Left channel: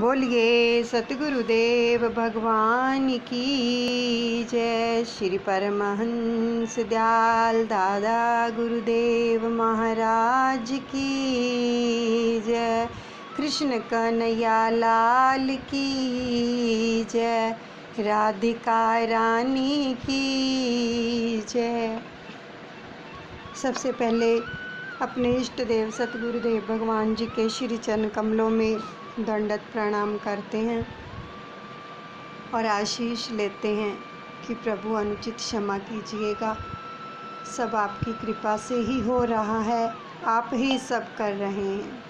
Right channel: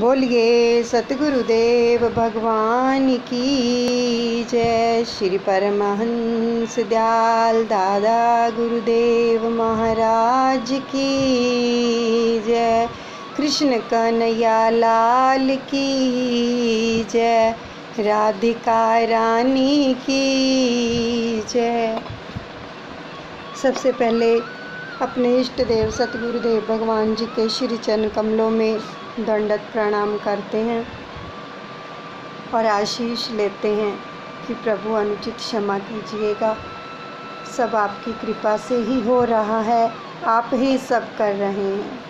बोलिए सतगुरुदेव भगवान की जय। श्री परमहंस दयाल दादा गुरुदेव महाराज की जय। कृष्ण कन्हैया लाल की जय। राधिका रानी की जय। सबसे पहले अपने इष्ट देव सतगुरुदेव भगवान जी के श्री चरण कमलों में दंडवत प्रणाम करते हैं और आशीष लेते हैं कि प्रभु अनुचित क्षमा कीजिएगा। सब आपकी कृपा से ही हो रहा है, आप ही सब कर रहे हैं।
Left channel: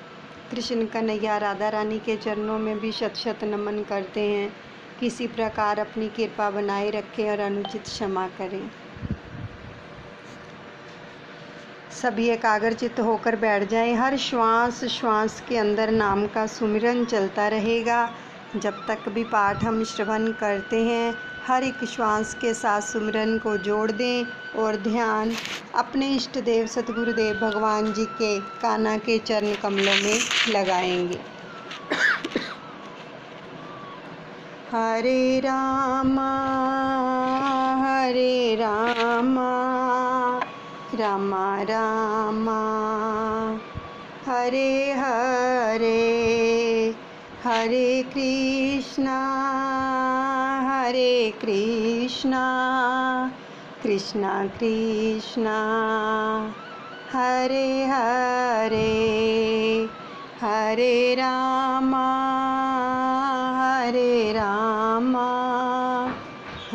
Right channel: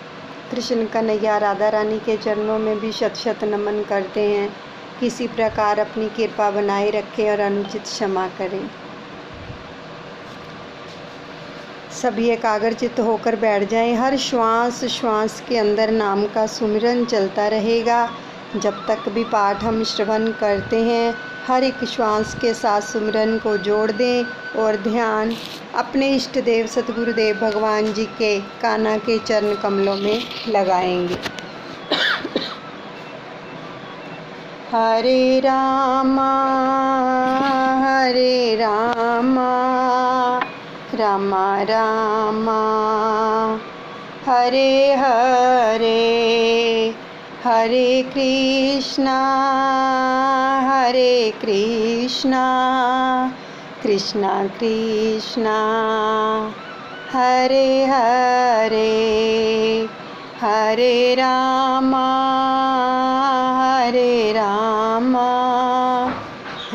कृष्ण कन्हैया राधा रानी के चरणों में भी शत शत नमन करते हैं। किसी प्रकार अपनी कृपा बनाए रखें और अनुचित क्षमा करें। सभी एकाग्रचित्त होकर बैठ जाएं। हर श्वास श्वास के अंदर नाम का सुमिरन चलता रहेगा जब तक भी पाठ हम श्रवण करते हैं। हर एक श्वास के साथ सुमिरन को जोड़ दें और ध्यान अपने इष्ट देव सतगुरुदेव भगवान जी के कान्हा के चरण कमलों में लगाएंगे। हरे रामा रामा रामा हरे हरे, हरे कृष्णा कृष्णा कृष्णा हरे हरे, हरे रामा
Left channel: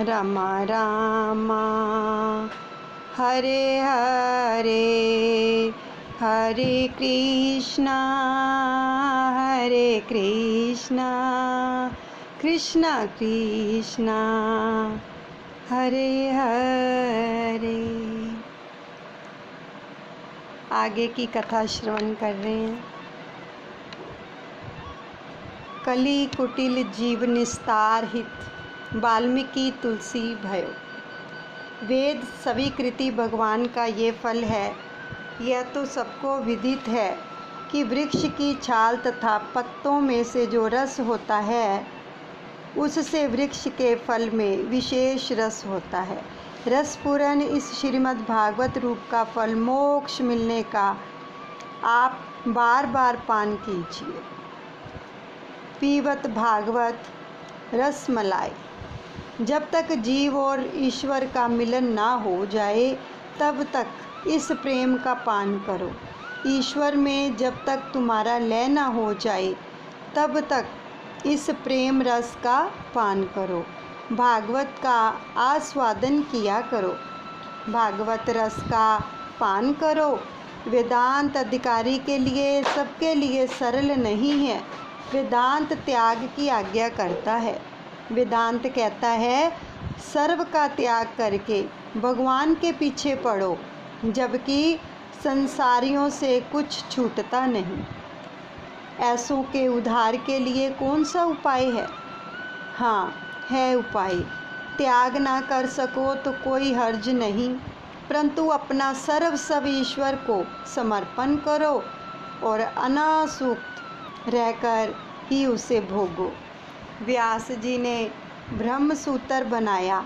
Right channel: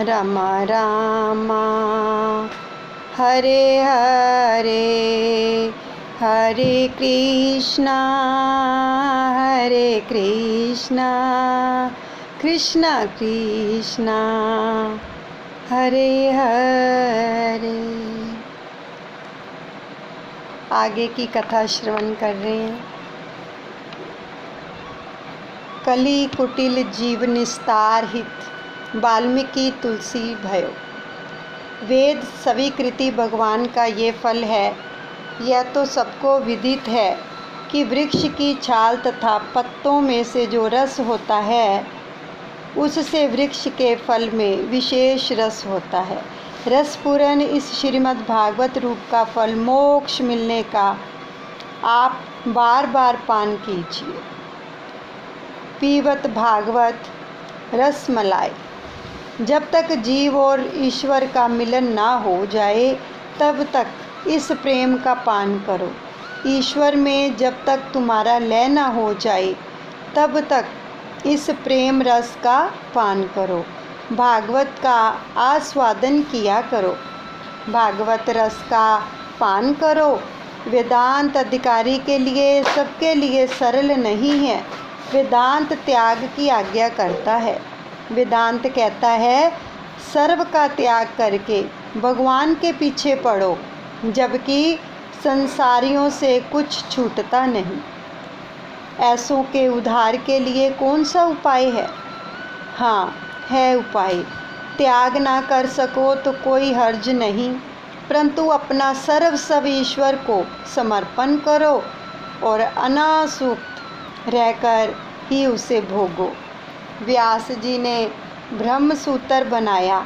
रामा रामा हरे हरे, हरे कृष्णा कृष्णा कृष्णा हरे हरे। आगे की कथा श्रवण कर रहे हैं। कली कुटिल जीव निस्तार हित, वाल्मीकि तुलसी भयो। वेद स्वीकृति भगवान का ये फल है। यह तो सबको विदित है कि वृक्ष की छाल तथा पत्तों में से जो रस होता है उससे वृक्ष के फल में विशेष रस होता है। रसपूर्ण इस श्रीमद् भागवत रूप का फल मोक्ष मिलने का आप बार बार पान कीजिए। पीवत भागवत रसमलाई। जब तक जीव और ईश्वर का मिलन ना हो जाए तब तक इस प्रेम का पान करो। ईश्वर में जब तक तुम्हारा लय ना हो जाए तब तक इस प्रेम रस का पान करो। भागवत का आस्वादन किया करो। भागवत रस का पान करो। वेदांत अधिकारी के लिए सबके लिए सरल नहीं है। वेदांत त्याग की आज्ञा करता है। वेदांत कहता है सर्व का त्याग करके भगवान के पीछे पड़ो, जबकि संसारियों से कुछ छूटता नहीं। ऐसों के उद्धार के लिए कौन सा उपाय है? हाँ, है उपाय। त्याग ना कर सको तो कोई हर्ज नहीं, परंतु अपना सर्वस्व ईश्वर को समर्पण करो और अनासक्त रहकर ही उसे भोगो। व्यास जी ने ब्रह्म सूत्र बनाया,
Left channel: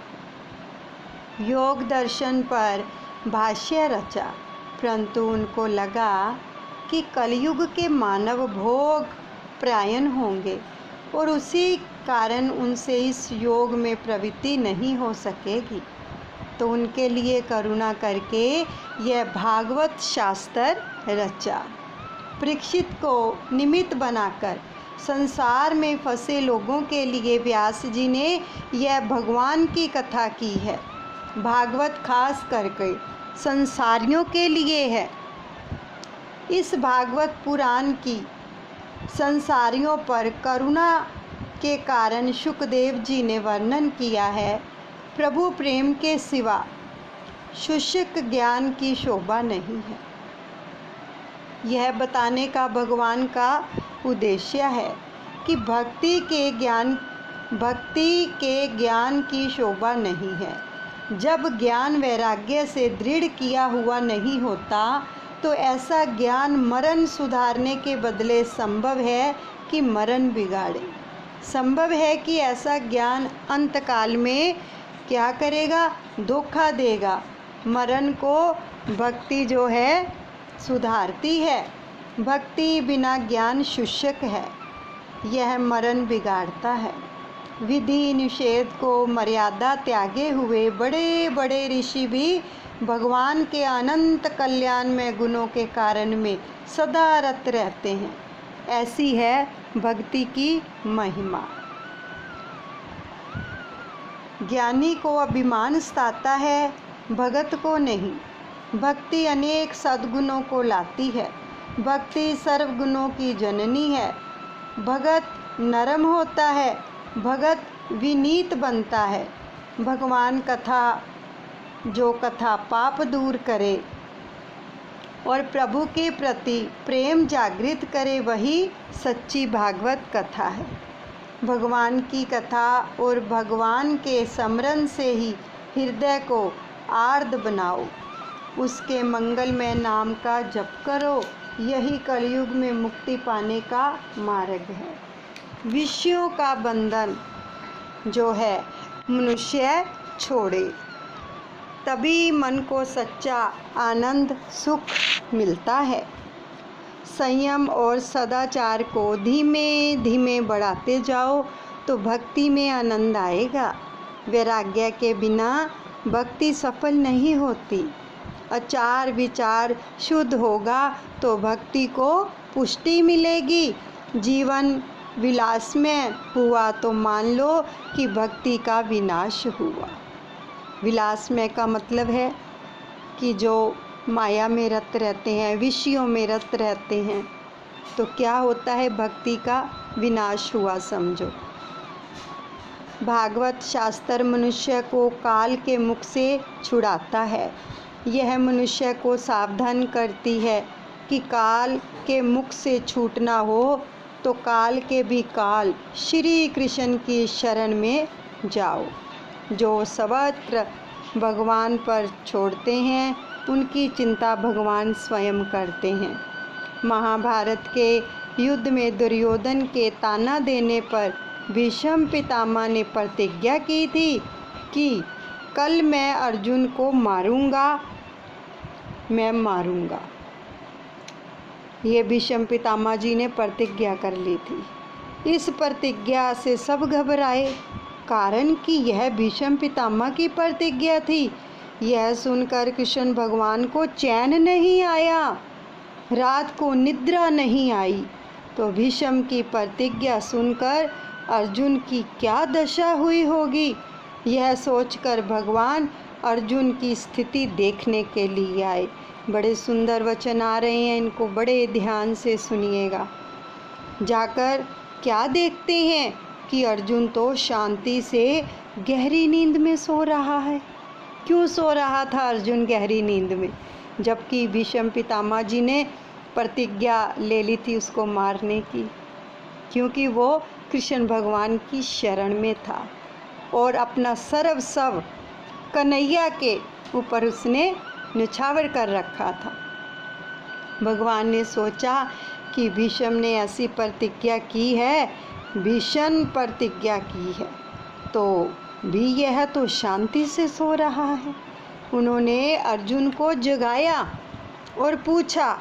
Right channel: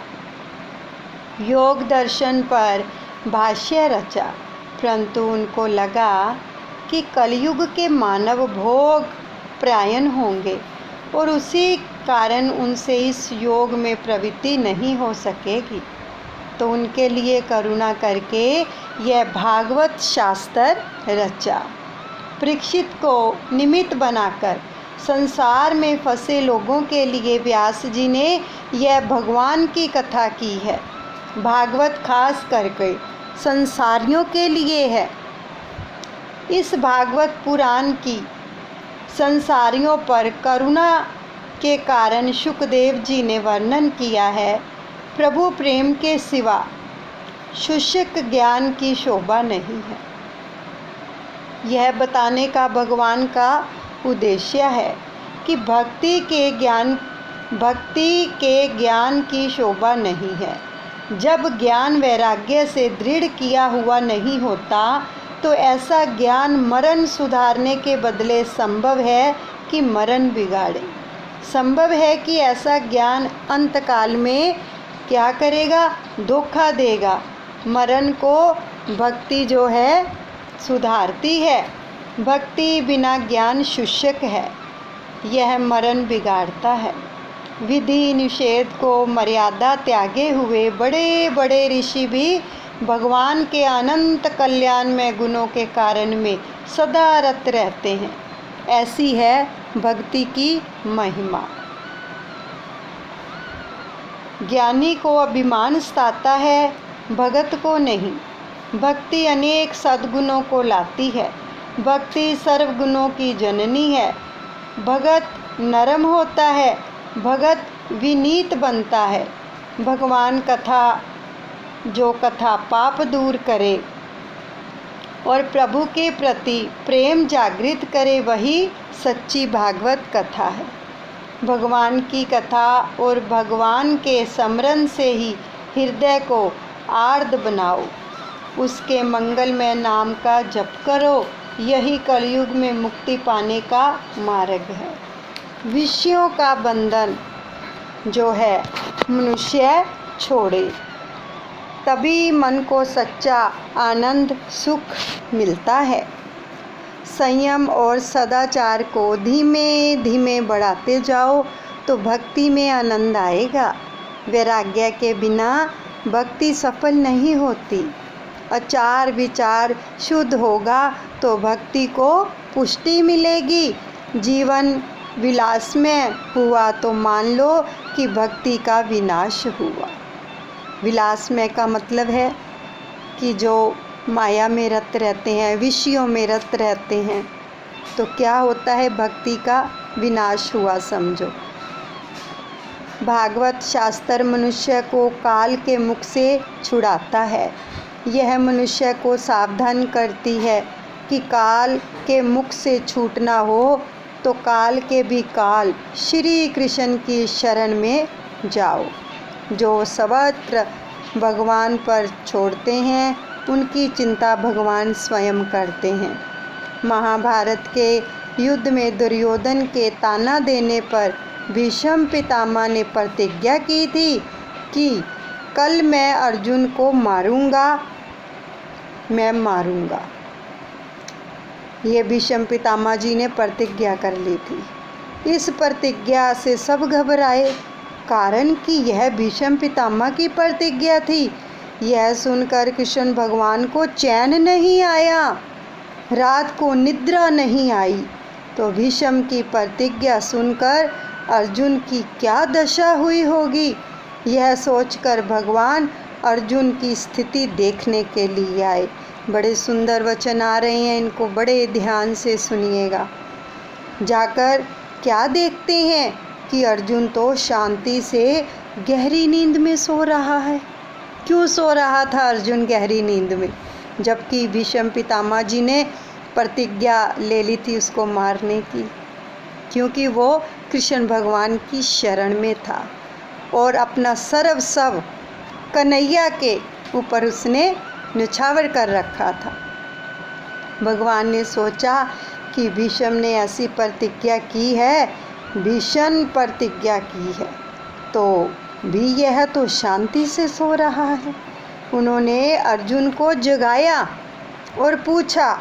योग दर्शन पर भाष्य रचा, परंतु उनको लगा कि कलयुग के मानव भोग परायण होंगे और उसी कारण उनसे इस योग में प्रवृत्ति नहीं हो सकेगी। तो उनके लिए करुणा करके यह भागवत शास्त्र रचा। परीक्षित को निमित्त बनाकर संसार में फंसे लोगों के लिए व्यास जी ने यह भगवान की कथा की है। भागवत खास करके संसारियों के लिए है। इस भागवत पुराण की संसारियों पर करुणा के कारण शुकदेव जी ने वर्णन किया है। प्रभु प्रेम के सिवा शुष्क ज्ञान की शोभा नहीं है। यह बताने का भगवान का उद्देश्य है कि भक्ति के ज्ञान की शोभा नहीं है। जब ज्ञान वैराग्य से दृढ़ किया हुआ नहीं होता तो ऐसा ज्ञान मरण सुधारने के बदले संभव है कि मरण बिगाड़े। संभव है कि ऐसा ज्ञान अंतकाल में क्या करेगा, धोखा देगा। मरण को भक्ति जो है सुधारती है। भक्ति बिना ज्ञान शुष्क है, यह मरण बिगाड़ता है। विधि निषेध को मर्यादा त्यागे हुए बड़े बड़े ऋषि भी भगवान के अनंत कल्याण में गुणों के कारण में सदा रत रहते हैं। ऐसी है भक्ति की महिमा। ज्ञानी को अभिमान सताता है, भगत को नहीं। भक्ति अनेक सद्गुणों को लाती है। भक्ति सर्वगुणों की जननी है। भगत नरम होता है, भगत विनीत बनता है। भगवान कथा, जो कथा पाप दूर करे और प्रभु के प्रति प्रेम जागृत करे, वही सच्ची भागवत कथा है। भगवान की कथा और भगवान के स्मरण से ही हृदय को आर्द्र बनाओ। उसके मंगलमय नाम का जप करो, यही कलयुग में मुक्ति पाने का मार्ग है। विषयों का बंधन जो है मनुष्य छोड़े, तभी मन को सच्चा आनंद सुख मिलता है। संयम और सदाचार को धीमे धीमे बढ़ाते जाओ तो भक्ति में आनंद आएगा। वैराग्य के बिना भक्ति सफल नहीं होती। आचार विचार शुद्ध होगा तो भक्ति को पुष्टि मिलेगी। जीवन विलास में हुआ तो मान लो कि भक्ति का विनाश हुआ। विलास में का मतलब है कि जो माया में रत रहते हैं, विषयों में रत रहते हैं, तो क्या होता है, भक्ति का विनाश हुआ समझो। भागवत शास्त्र मनुष्य को काल के मुख से छुड़ाता है। यह मनुष्य को सावधान करती है कि काल के मुख से छूटना हो तो काल के भी काल श्री कृष्ण की शरण में जाओ। जो सर्वत्र भगवान पर छोड़ते हैं उनकी चिंता भगवान स्वयं करते हैं। महाभारत के युद्ध में दुर्योधन के ताना देने पर भीष्म पितामह ने प्रतिज्ञा की थी कि कल मैं अर्जुन को मारूंगा, मैं मारूंगा। ये भीष्म पितामह जी ने प्रतिज्ञा कर ली थी। इस प्रतिज्ञा से सब घबराए, कारण कि यह भीष्म पितामह की प्रतिज्ञा थी। यह सुनकर कृष्ण भगवान को चैन नहीं आया, रात को निद्रा नहीं आई। तो भीष्म की प्रतिज्ञा सुनकर अर्जुन की क्या दशा हुई होगी, यह सोचकर भगवान अर्जुन की स्थिति देखने के लिए आए। बड़े सुंदर वचन आ रहे हैं, इनको बड़े ध्यान से सुनिएगा। जाकर क्या देखते हैं कि अर्जुन तो शांति से गहरी नींद में सो रहा है। क्यों सो रहा था अर्जुन गहरी नींद में, जबकि भीष्म पितामह जी ने प्रतिज्ञा ले ली थी उसको मारने की? क्योंकि वो कृष्ण भगवान की शरण में था और अपना सर्वस्व कन्हैया के ऊपर उसने न्यौछावर कर रखा था। भगवान ने सोचा कि भीष्म ने ऐसी प्रतिज्ञा की है, भीषण प्रतिज्ञा की है, तो भी यह तो शांति से सो रहा है। उन्होंने अर्जुन को जगाया और पूछा,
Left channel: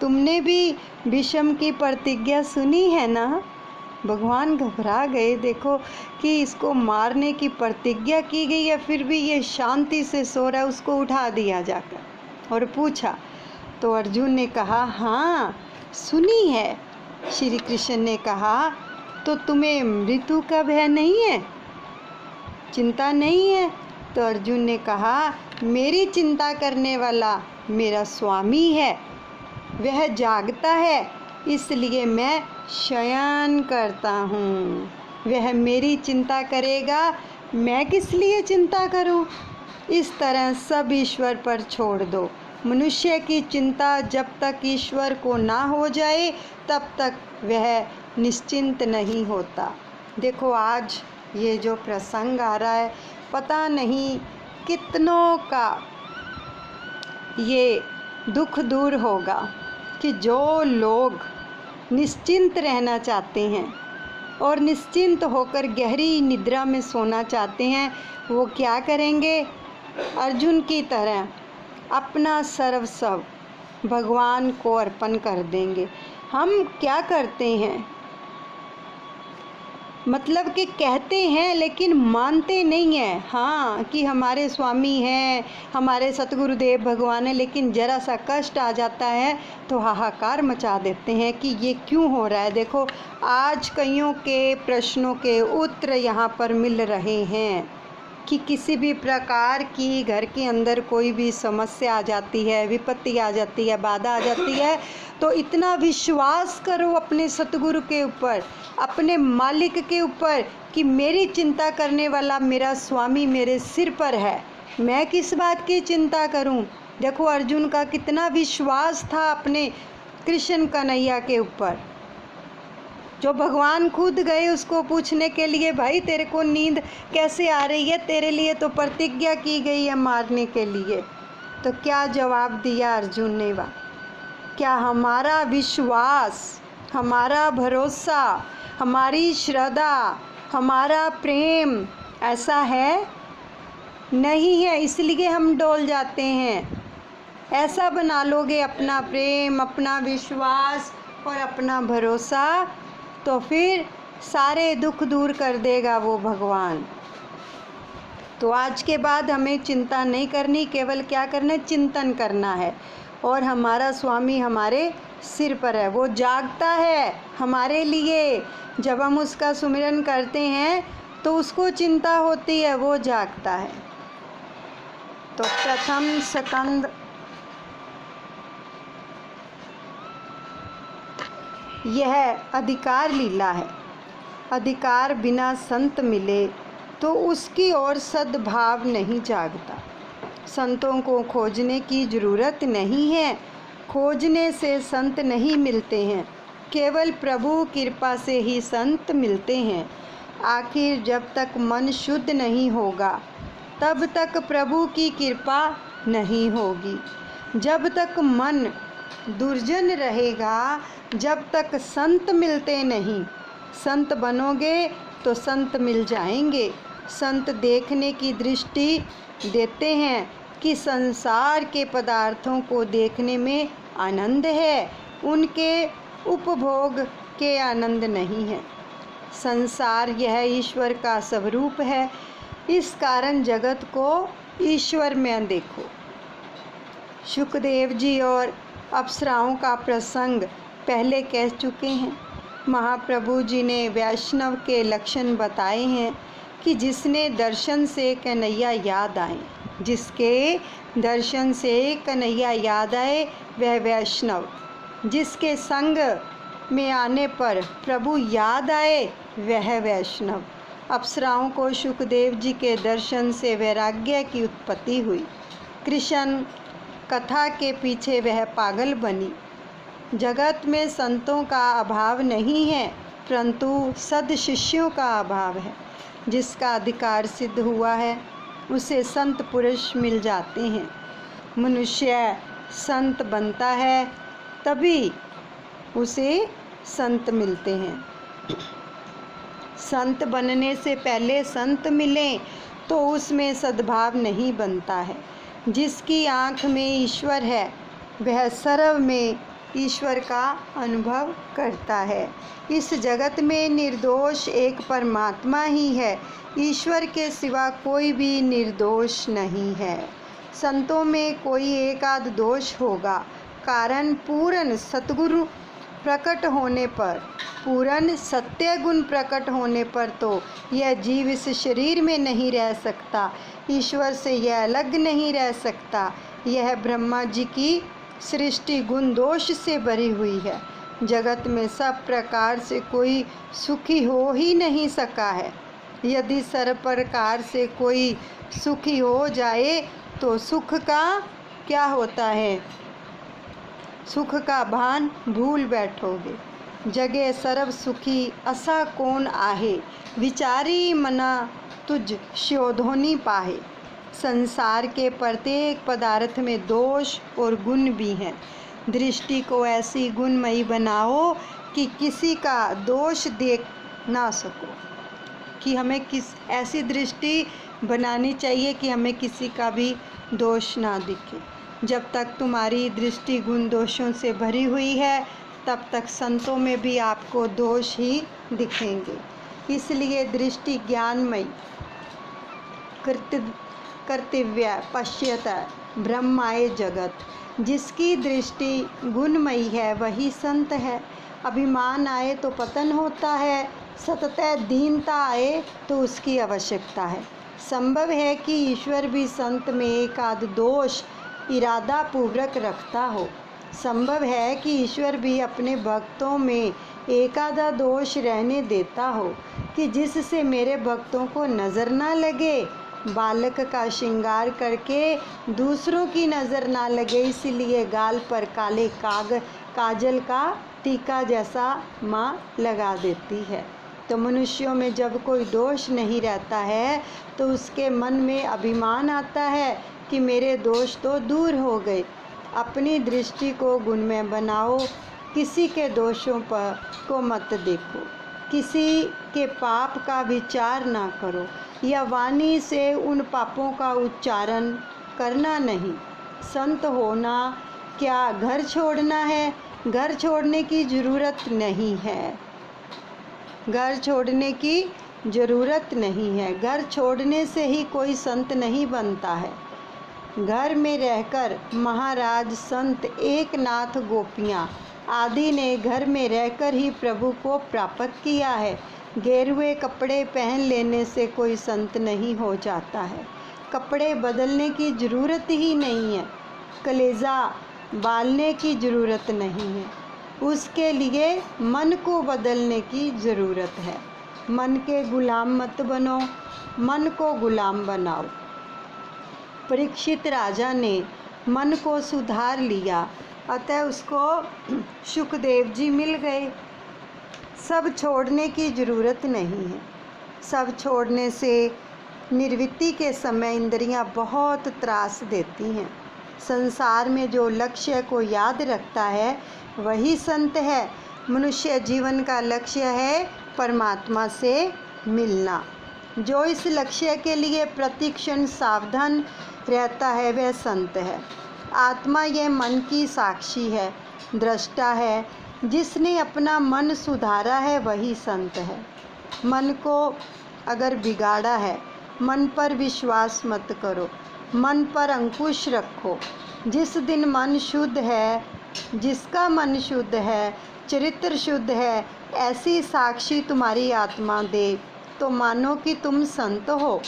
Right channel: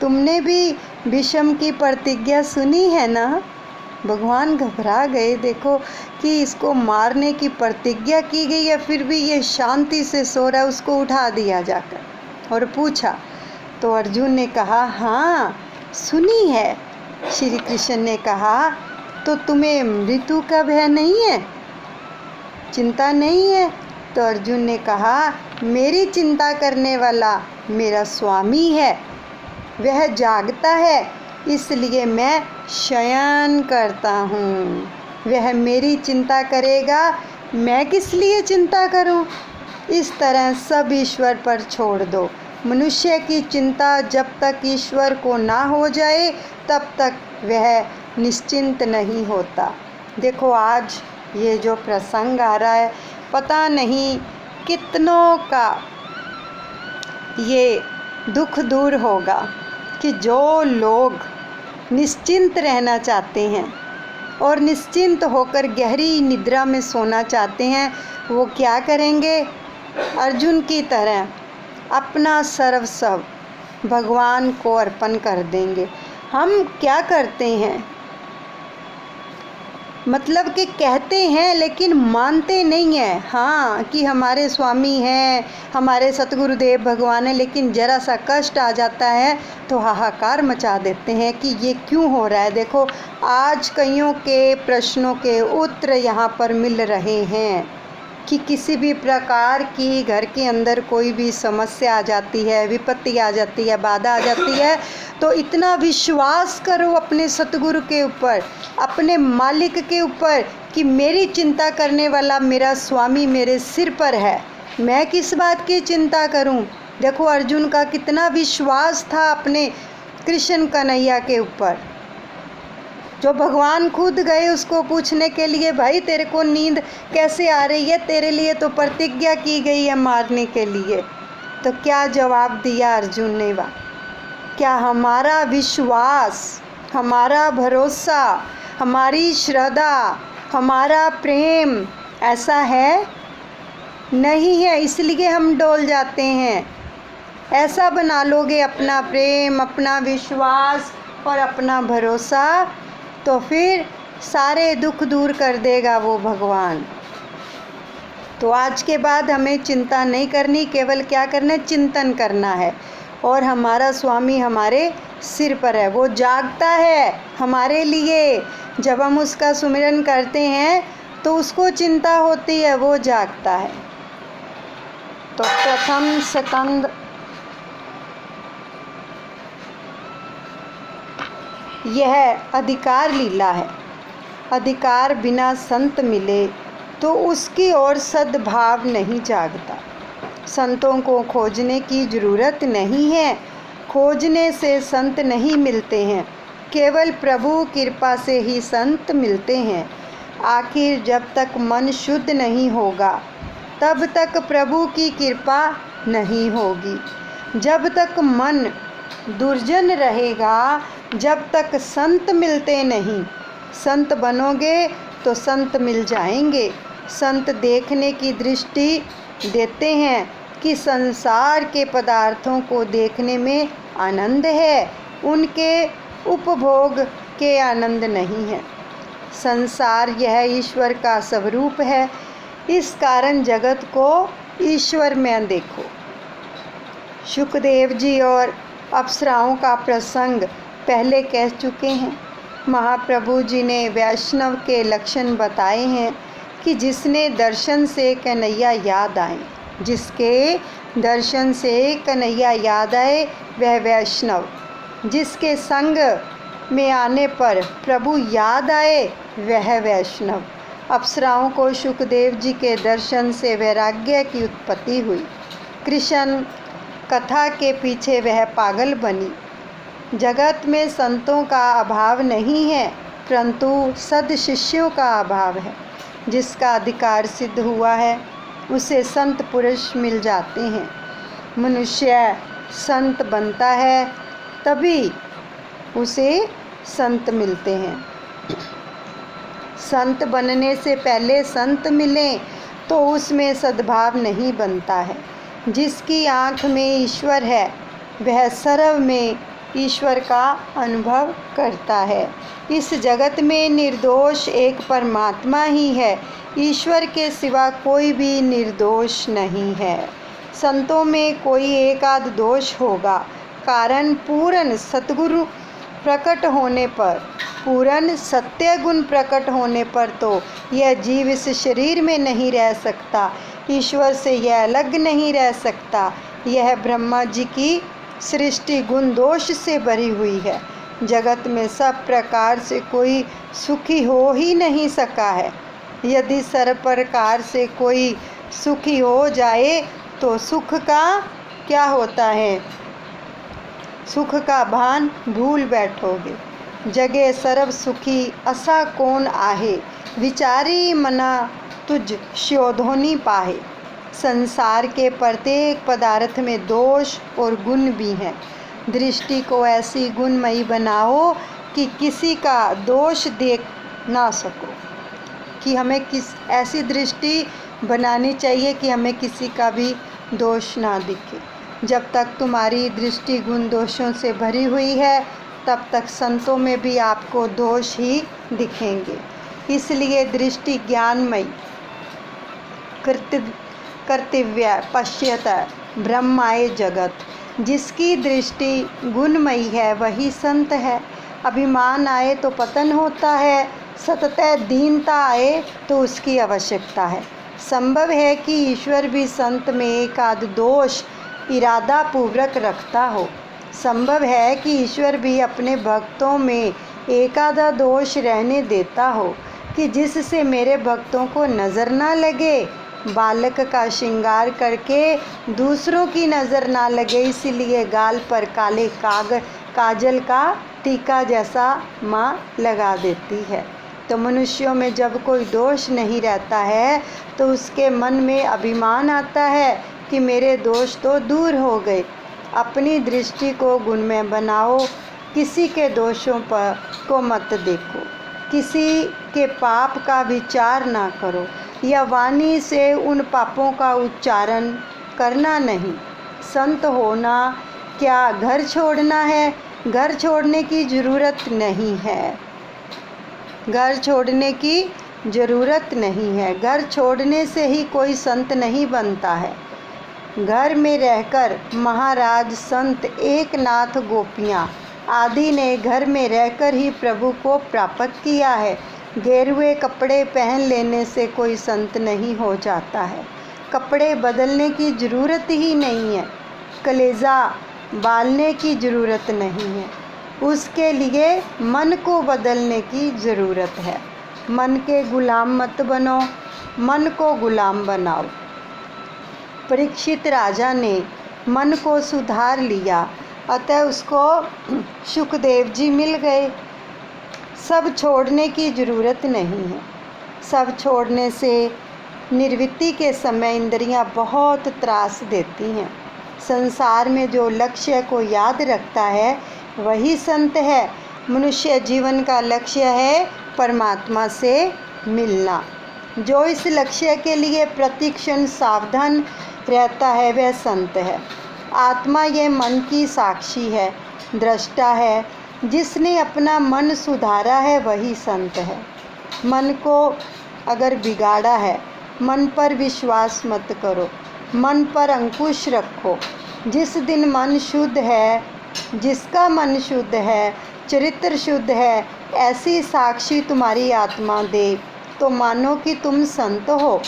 तुमने भी भीष्म की प्रतिज्ञा सुनी है ना? भगवान घबरा गए, देखो कि इसको मारने की प्रतिज्ञा की गई है, फिर भी ये शांति से सो रहा है। उसको उठा दिया जाकर और पूछा, तो अर्जुन ने कहा, हाँ सुनी है। श्री कृष्ण ने कहा, तो तुम्हें मृत्यु का भय नहीं है, चिंता नहीं है? तो अर्जुन ने कहा, मेरी चिंता करने वाला मेरा स्वामी है, वह जागता है, इसलिए मैं शयन करता हूँ। वह मेरी चिंता करेगा, मैं किस लिए चिंता करूँ? इस तरह सब ईश्वर पर छोड़ दो। मनुष्य की चिंता जब तक ईश्वर को ना हो जाए तब तक वह निश्चिंत नहीं होता। देखो आज ये जो प्रसंग आ रहा है, पता नहीं कितनों का ये दुख दूर होगा कि जो लोग निश्चिंत रहना चाहते हैं और निश्चिंत होकर गहरी निद्रा में सोना चाहते हैं, वो क्या करेंगे? अर्जुन की तरह अपना सर्वस्व भगवान को अर्पण कर देंगे। हम क्या करते हैं? मतलब कि कहते हैं लेकिन मानते नहीं हैं। हाँ कि हमारे स्वामी हैं, हमारे सतगुरुदेव भगवान हैं, लेकिन ज़रा सा कष्ट आ जाता है तो हाहाकार मचा देते हैं कि ये क्यों हो रहा है। देखो आज कईयों के प्रश्नों के उत्तर यहाँ पर मिल रहे हैं कि किसी भी प्रकार की घर के अंदर कोई भी समस्या आ जाती है, विपत्ति आ जाती है, बाधा आ जाती है, तो इतना विश्वास करो अपने सतगुरु के ऊपर, अपने मालिक के ऊपर कि मेरी चिंता करने वाला मेरा स्वामी मेरे सिर पर है, मैं किस बात की चिंता करूं। देखो अर्जुन का कितना विश्वास था अपने कृष्ण कन्हैया के ऊपर, जो भगवान खुद गए उसको पूछने के लिए, भाई तेरे को नींद कैसे आ रही है, तेरे लिए तो प्रतिज्ञा की गई है मारने के लिए। तो क्या जवाब दिया अर्जुन ने? वाह, क्या हमारा विश्वास, हमारा भरोसा, हमारी श्रद्धा, हमारा प्रेम ऐसा है? नहीं है, इसलिए हम डोल जाते हैं। ऐसा बना लोगे अपना प्रेम, अपना विश्वास और अपना भरोसा, तो फिर सारे दुख दूर कर देगा वो भगवान। तो आज के बाद हमें चिंता नहीं करनी, केवल क्या करना है? चिंतन करना है। और हमारा स्वामी हमारे सिर पर है, वो जागता है हमारे लिए। जब हम उसका सुमिरन करते हैं तो उसको चिंता होती है, वो जागता है। तो प्रथम स्कंद यह अधिकार लीला है। अधिकार बिना संत मिले तो उसकी ओर सद्भाव नहीं जागता। संतों को खोजने की ज़रूरत नहीं है, खोजने से संत नहीं मिलते हैं, केवल प्रभु कृपा से ही संत मिलते हैं। आखिर जब तक मन शुद्ध नहीं होगा तब तक प्रभु की कृपा नहीं होगी। जब तक मन दुर्जन रहेगा जब तक संत मिलते नहीं। संत बनोगे तो संत मिल जाएंगे। संत देखने की दृष्टि देते हैं कि संसार के पदार्थों को देखने में आनंद है, उनके उपभोग के आनंद नहीं है। संसार यह ईश्वर का स्वरूप है, इस कारण जगत को ईश्वर में देखो। शुकदेव जी और अप्सराओं का प्रसंग पहले कह चुके हैं। महाप्रभु जी ने वैष्णव के लक्षण बताए हैं कि जिसने दर्शन से कन्हैया याद आए, जिसके दर्शन से कन्हैया याद आए वह वैष्णव। जिसके संग में आने पर प्रभु याद आए वह वैष्णव। अप्सराओं को शुकदेव जी के दर्शन से वैराग्य की उत्पत्ति हुई। कृष्ण कथा के पीछे वह पागल बनी। जगत में संतों का अभाव नहीं है, परंतु सद शिष्यों का अभाव है। जिसका अधिकार सिद्ध हुआ है उसे संत पुरुष मिल जाते हैं। मनुष्य संत बनता है तभी उसे संत मिलते हैं। संत बनने से पहले संत मिलें तो उसमें सद्भाव नहीं बनता है। जिसकी आँख में ईश्वर है वह सर्व में ईश्वर का अनुभव करता है। इस जगत में निर्दोष एक परमात्मा ही है, ईश्वर के सिवा कोई भी निर्दोष नहीं है। संतों में कोई एक आध दोष होगा, कारण पूर्ण सतगुरु प्रकट होने पर, पूर्ण सत्य गुण प्रकट होने पर तो यह जीव इस शरीर में नहीं रह सकता, ईश्वर से यह अलग नहीं रह सकता। यह ब्रह्मा जी की सृष्टि गुण दोष से भरी हुई है। जगत में सब प्रकार से कोई सुखी हो ही नहीं सका है। यदि सर्व प्रकार से कोई सुखी हो जाए तो सुख का क्या होता है? सुख का भान भूल बैठोगे। जगे सर्व सुखी असा कौन आहे, विचारी मना तुझ शोधोनी पाहे। संसार के प्रत्येक पदार्थ में दोष और गुण भी हैं। दृष्टि को ऐसी गुणमयी बनाओ कि किसी का दोष देख ना सको, कि हमें ऐसी दृष्टि बनानी चाहिए कि हमें किसी का भी दोष ना दिखे। जब तक तुम्हारी दृष्टि गुण दोषों से भरी हुई है तब तक संतों में भी आपको दोष ही दिखेंगे। इसलिए दृष्टि ज्ञानमयी कर्तव्य पश्यत ब्रह्माय जगत, जिसकी दृष्टि गुणमयी है वही संत है। अभिमान आए तो पतन होता है, सतत दीनता आए तो उसकी आवश्यकता है। संभव है कि ईश्वर भी संत में एक आध दोष इरादा पूर्वक रखता हो। संभव है कि ईश्वर भी अपने भक्तों में एक आधा दोष रहने देता हो कि जिससे मेरे भक्तों को नज़र ना लगे। बालक का श्रृंगार करके दूसरों की नज़र ना लगे, इसलिए गाल पर काले काजल का टीका जैसा माँ लगा देती है। तो मनुष्यों में जब कोई दोष नहीं रहता है तो उसके मन में अभिमान आता है कि मेरे दोष तो दूर हो गए। अपनी दृष्टि को गुणमय बनाओ, किसी के दोषों पर को मत देखो, किसी के पाप का विचार ना करो या वाणी से उन पापों का उच्चारण करना नहीं। संत होना क्या घर छोड़ना है? घर छोड़ने की ज़रूरत नहीं है। घर छोड़ने की ज़रूरत नहीं है। घर छोड़ने से ही कोई संत नहीं बनता है। घर में रहकर महाराज संत एकनाथ गोपियाँ आदि ने घर में रहकर ही प्रभु को प्राप्त किया है। गेरुए कपड़े पहन लेने से कोई संत नहीं हो जाता है। कपड़े बदलने की ज़रूरत ही नहीं है। कलेजा बालने की ज़रूरत नहीं है। उसके लिए मन को बदलने की ज़रूरत है। मन के गुलाम मत बनो, मन को गुलाम बनाओ। परीक्षित राजा ने मन को सुधार लिया, अतः उसको सुखदेव जी मिल गए। सब छोड़ने की ज़रूरत नहीं है। सब छोड़ने से निर्वृत्ति के समय इंद्रियां बहुत त्रास देती हैं। संसार में जो लक्ष्य को याद रखता है वही संत है। मनुष्य जीवन का लक्ष्य है परमात्मा से मिलना। जो इस लक्ष्य के लिए प्रतिक्षण सावधान रहता है वह संत है। आत्मा ये मन की साक्षी है, दृष्टा है। जिसने अपना मन सुधारा है वही संत है। मन को अगर बिगाड़ा है, मन पर विश्वास मत करो, मन पर अंकुश रखो। जिस दिन मन शुद्ध है, जिसका मन शुद्ध है, चरित्र शुद्ध है, ऐसी साक्षी तुम्हारी आत्मा दे तो मानो कि तुम संत हो।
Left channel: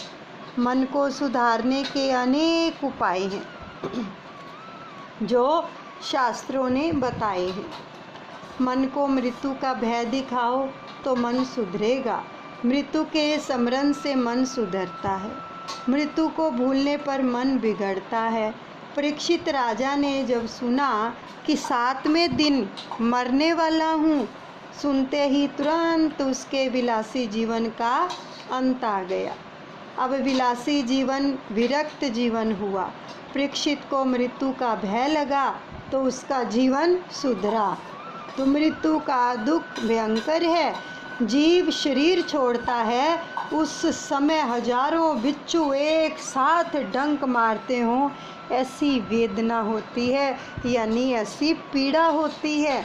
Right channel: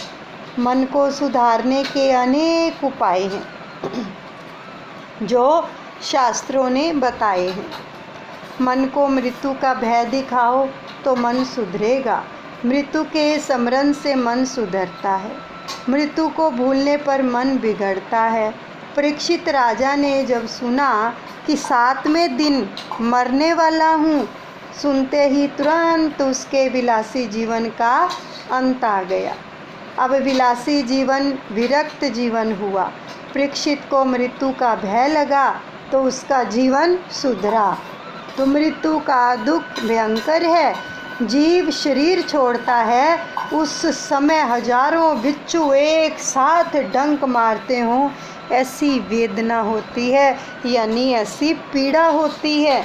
मन को सुधारने के अनेक उपाय हैं जो शास्त्रों ने बताए हैं। मन को मृत्यु का भय दिखाओ तो मन सुधरेगा। मृत्यु के स्मरण से मन सुधरता है। मृत्यु को भूलने पर मन बिगड़ता है। परीक्षित राजा ने जब सुना कि 7वें दिन मरने वाला हूँ, सुनते ही तुरंत उसके विलासी जीवन का अंत आ गया। अब विलासी जीवन विरक्त जीवन हुआ। परीक्षित को मृत्यु का भय लगा तो उसका जीवन सुधरा। तो मृत्यु का दुख भयंकर है। जीव शरीर छोड़ता है उस समय हजारों बिच्छू एक साथ डंक मारते हों, ऐसी वेदना होती है, यानी ऐसी पीड़ा होती है।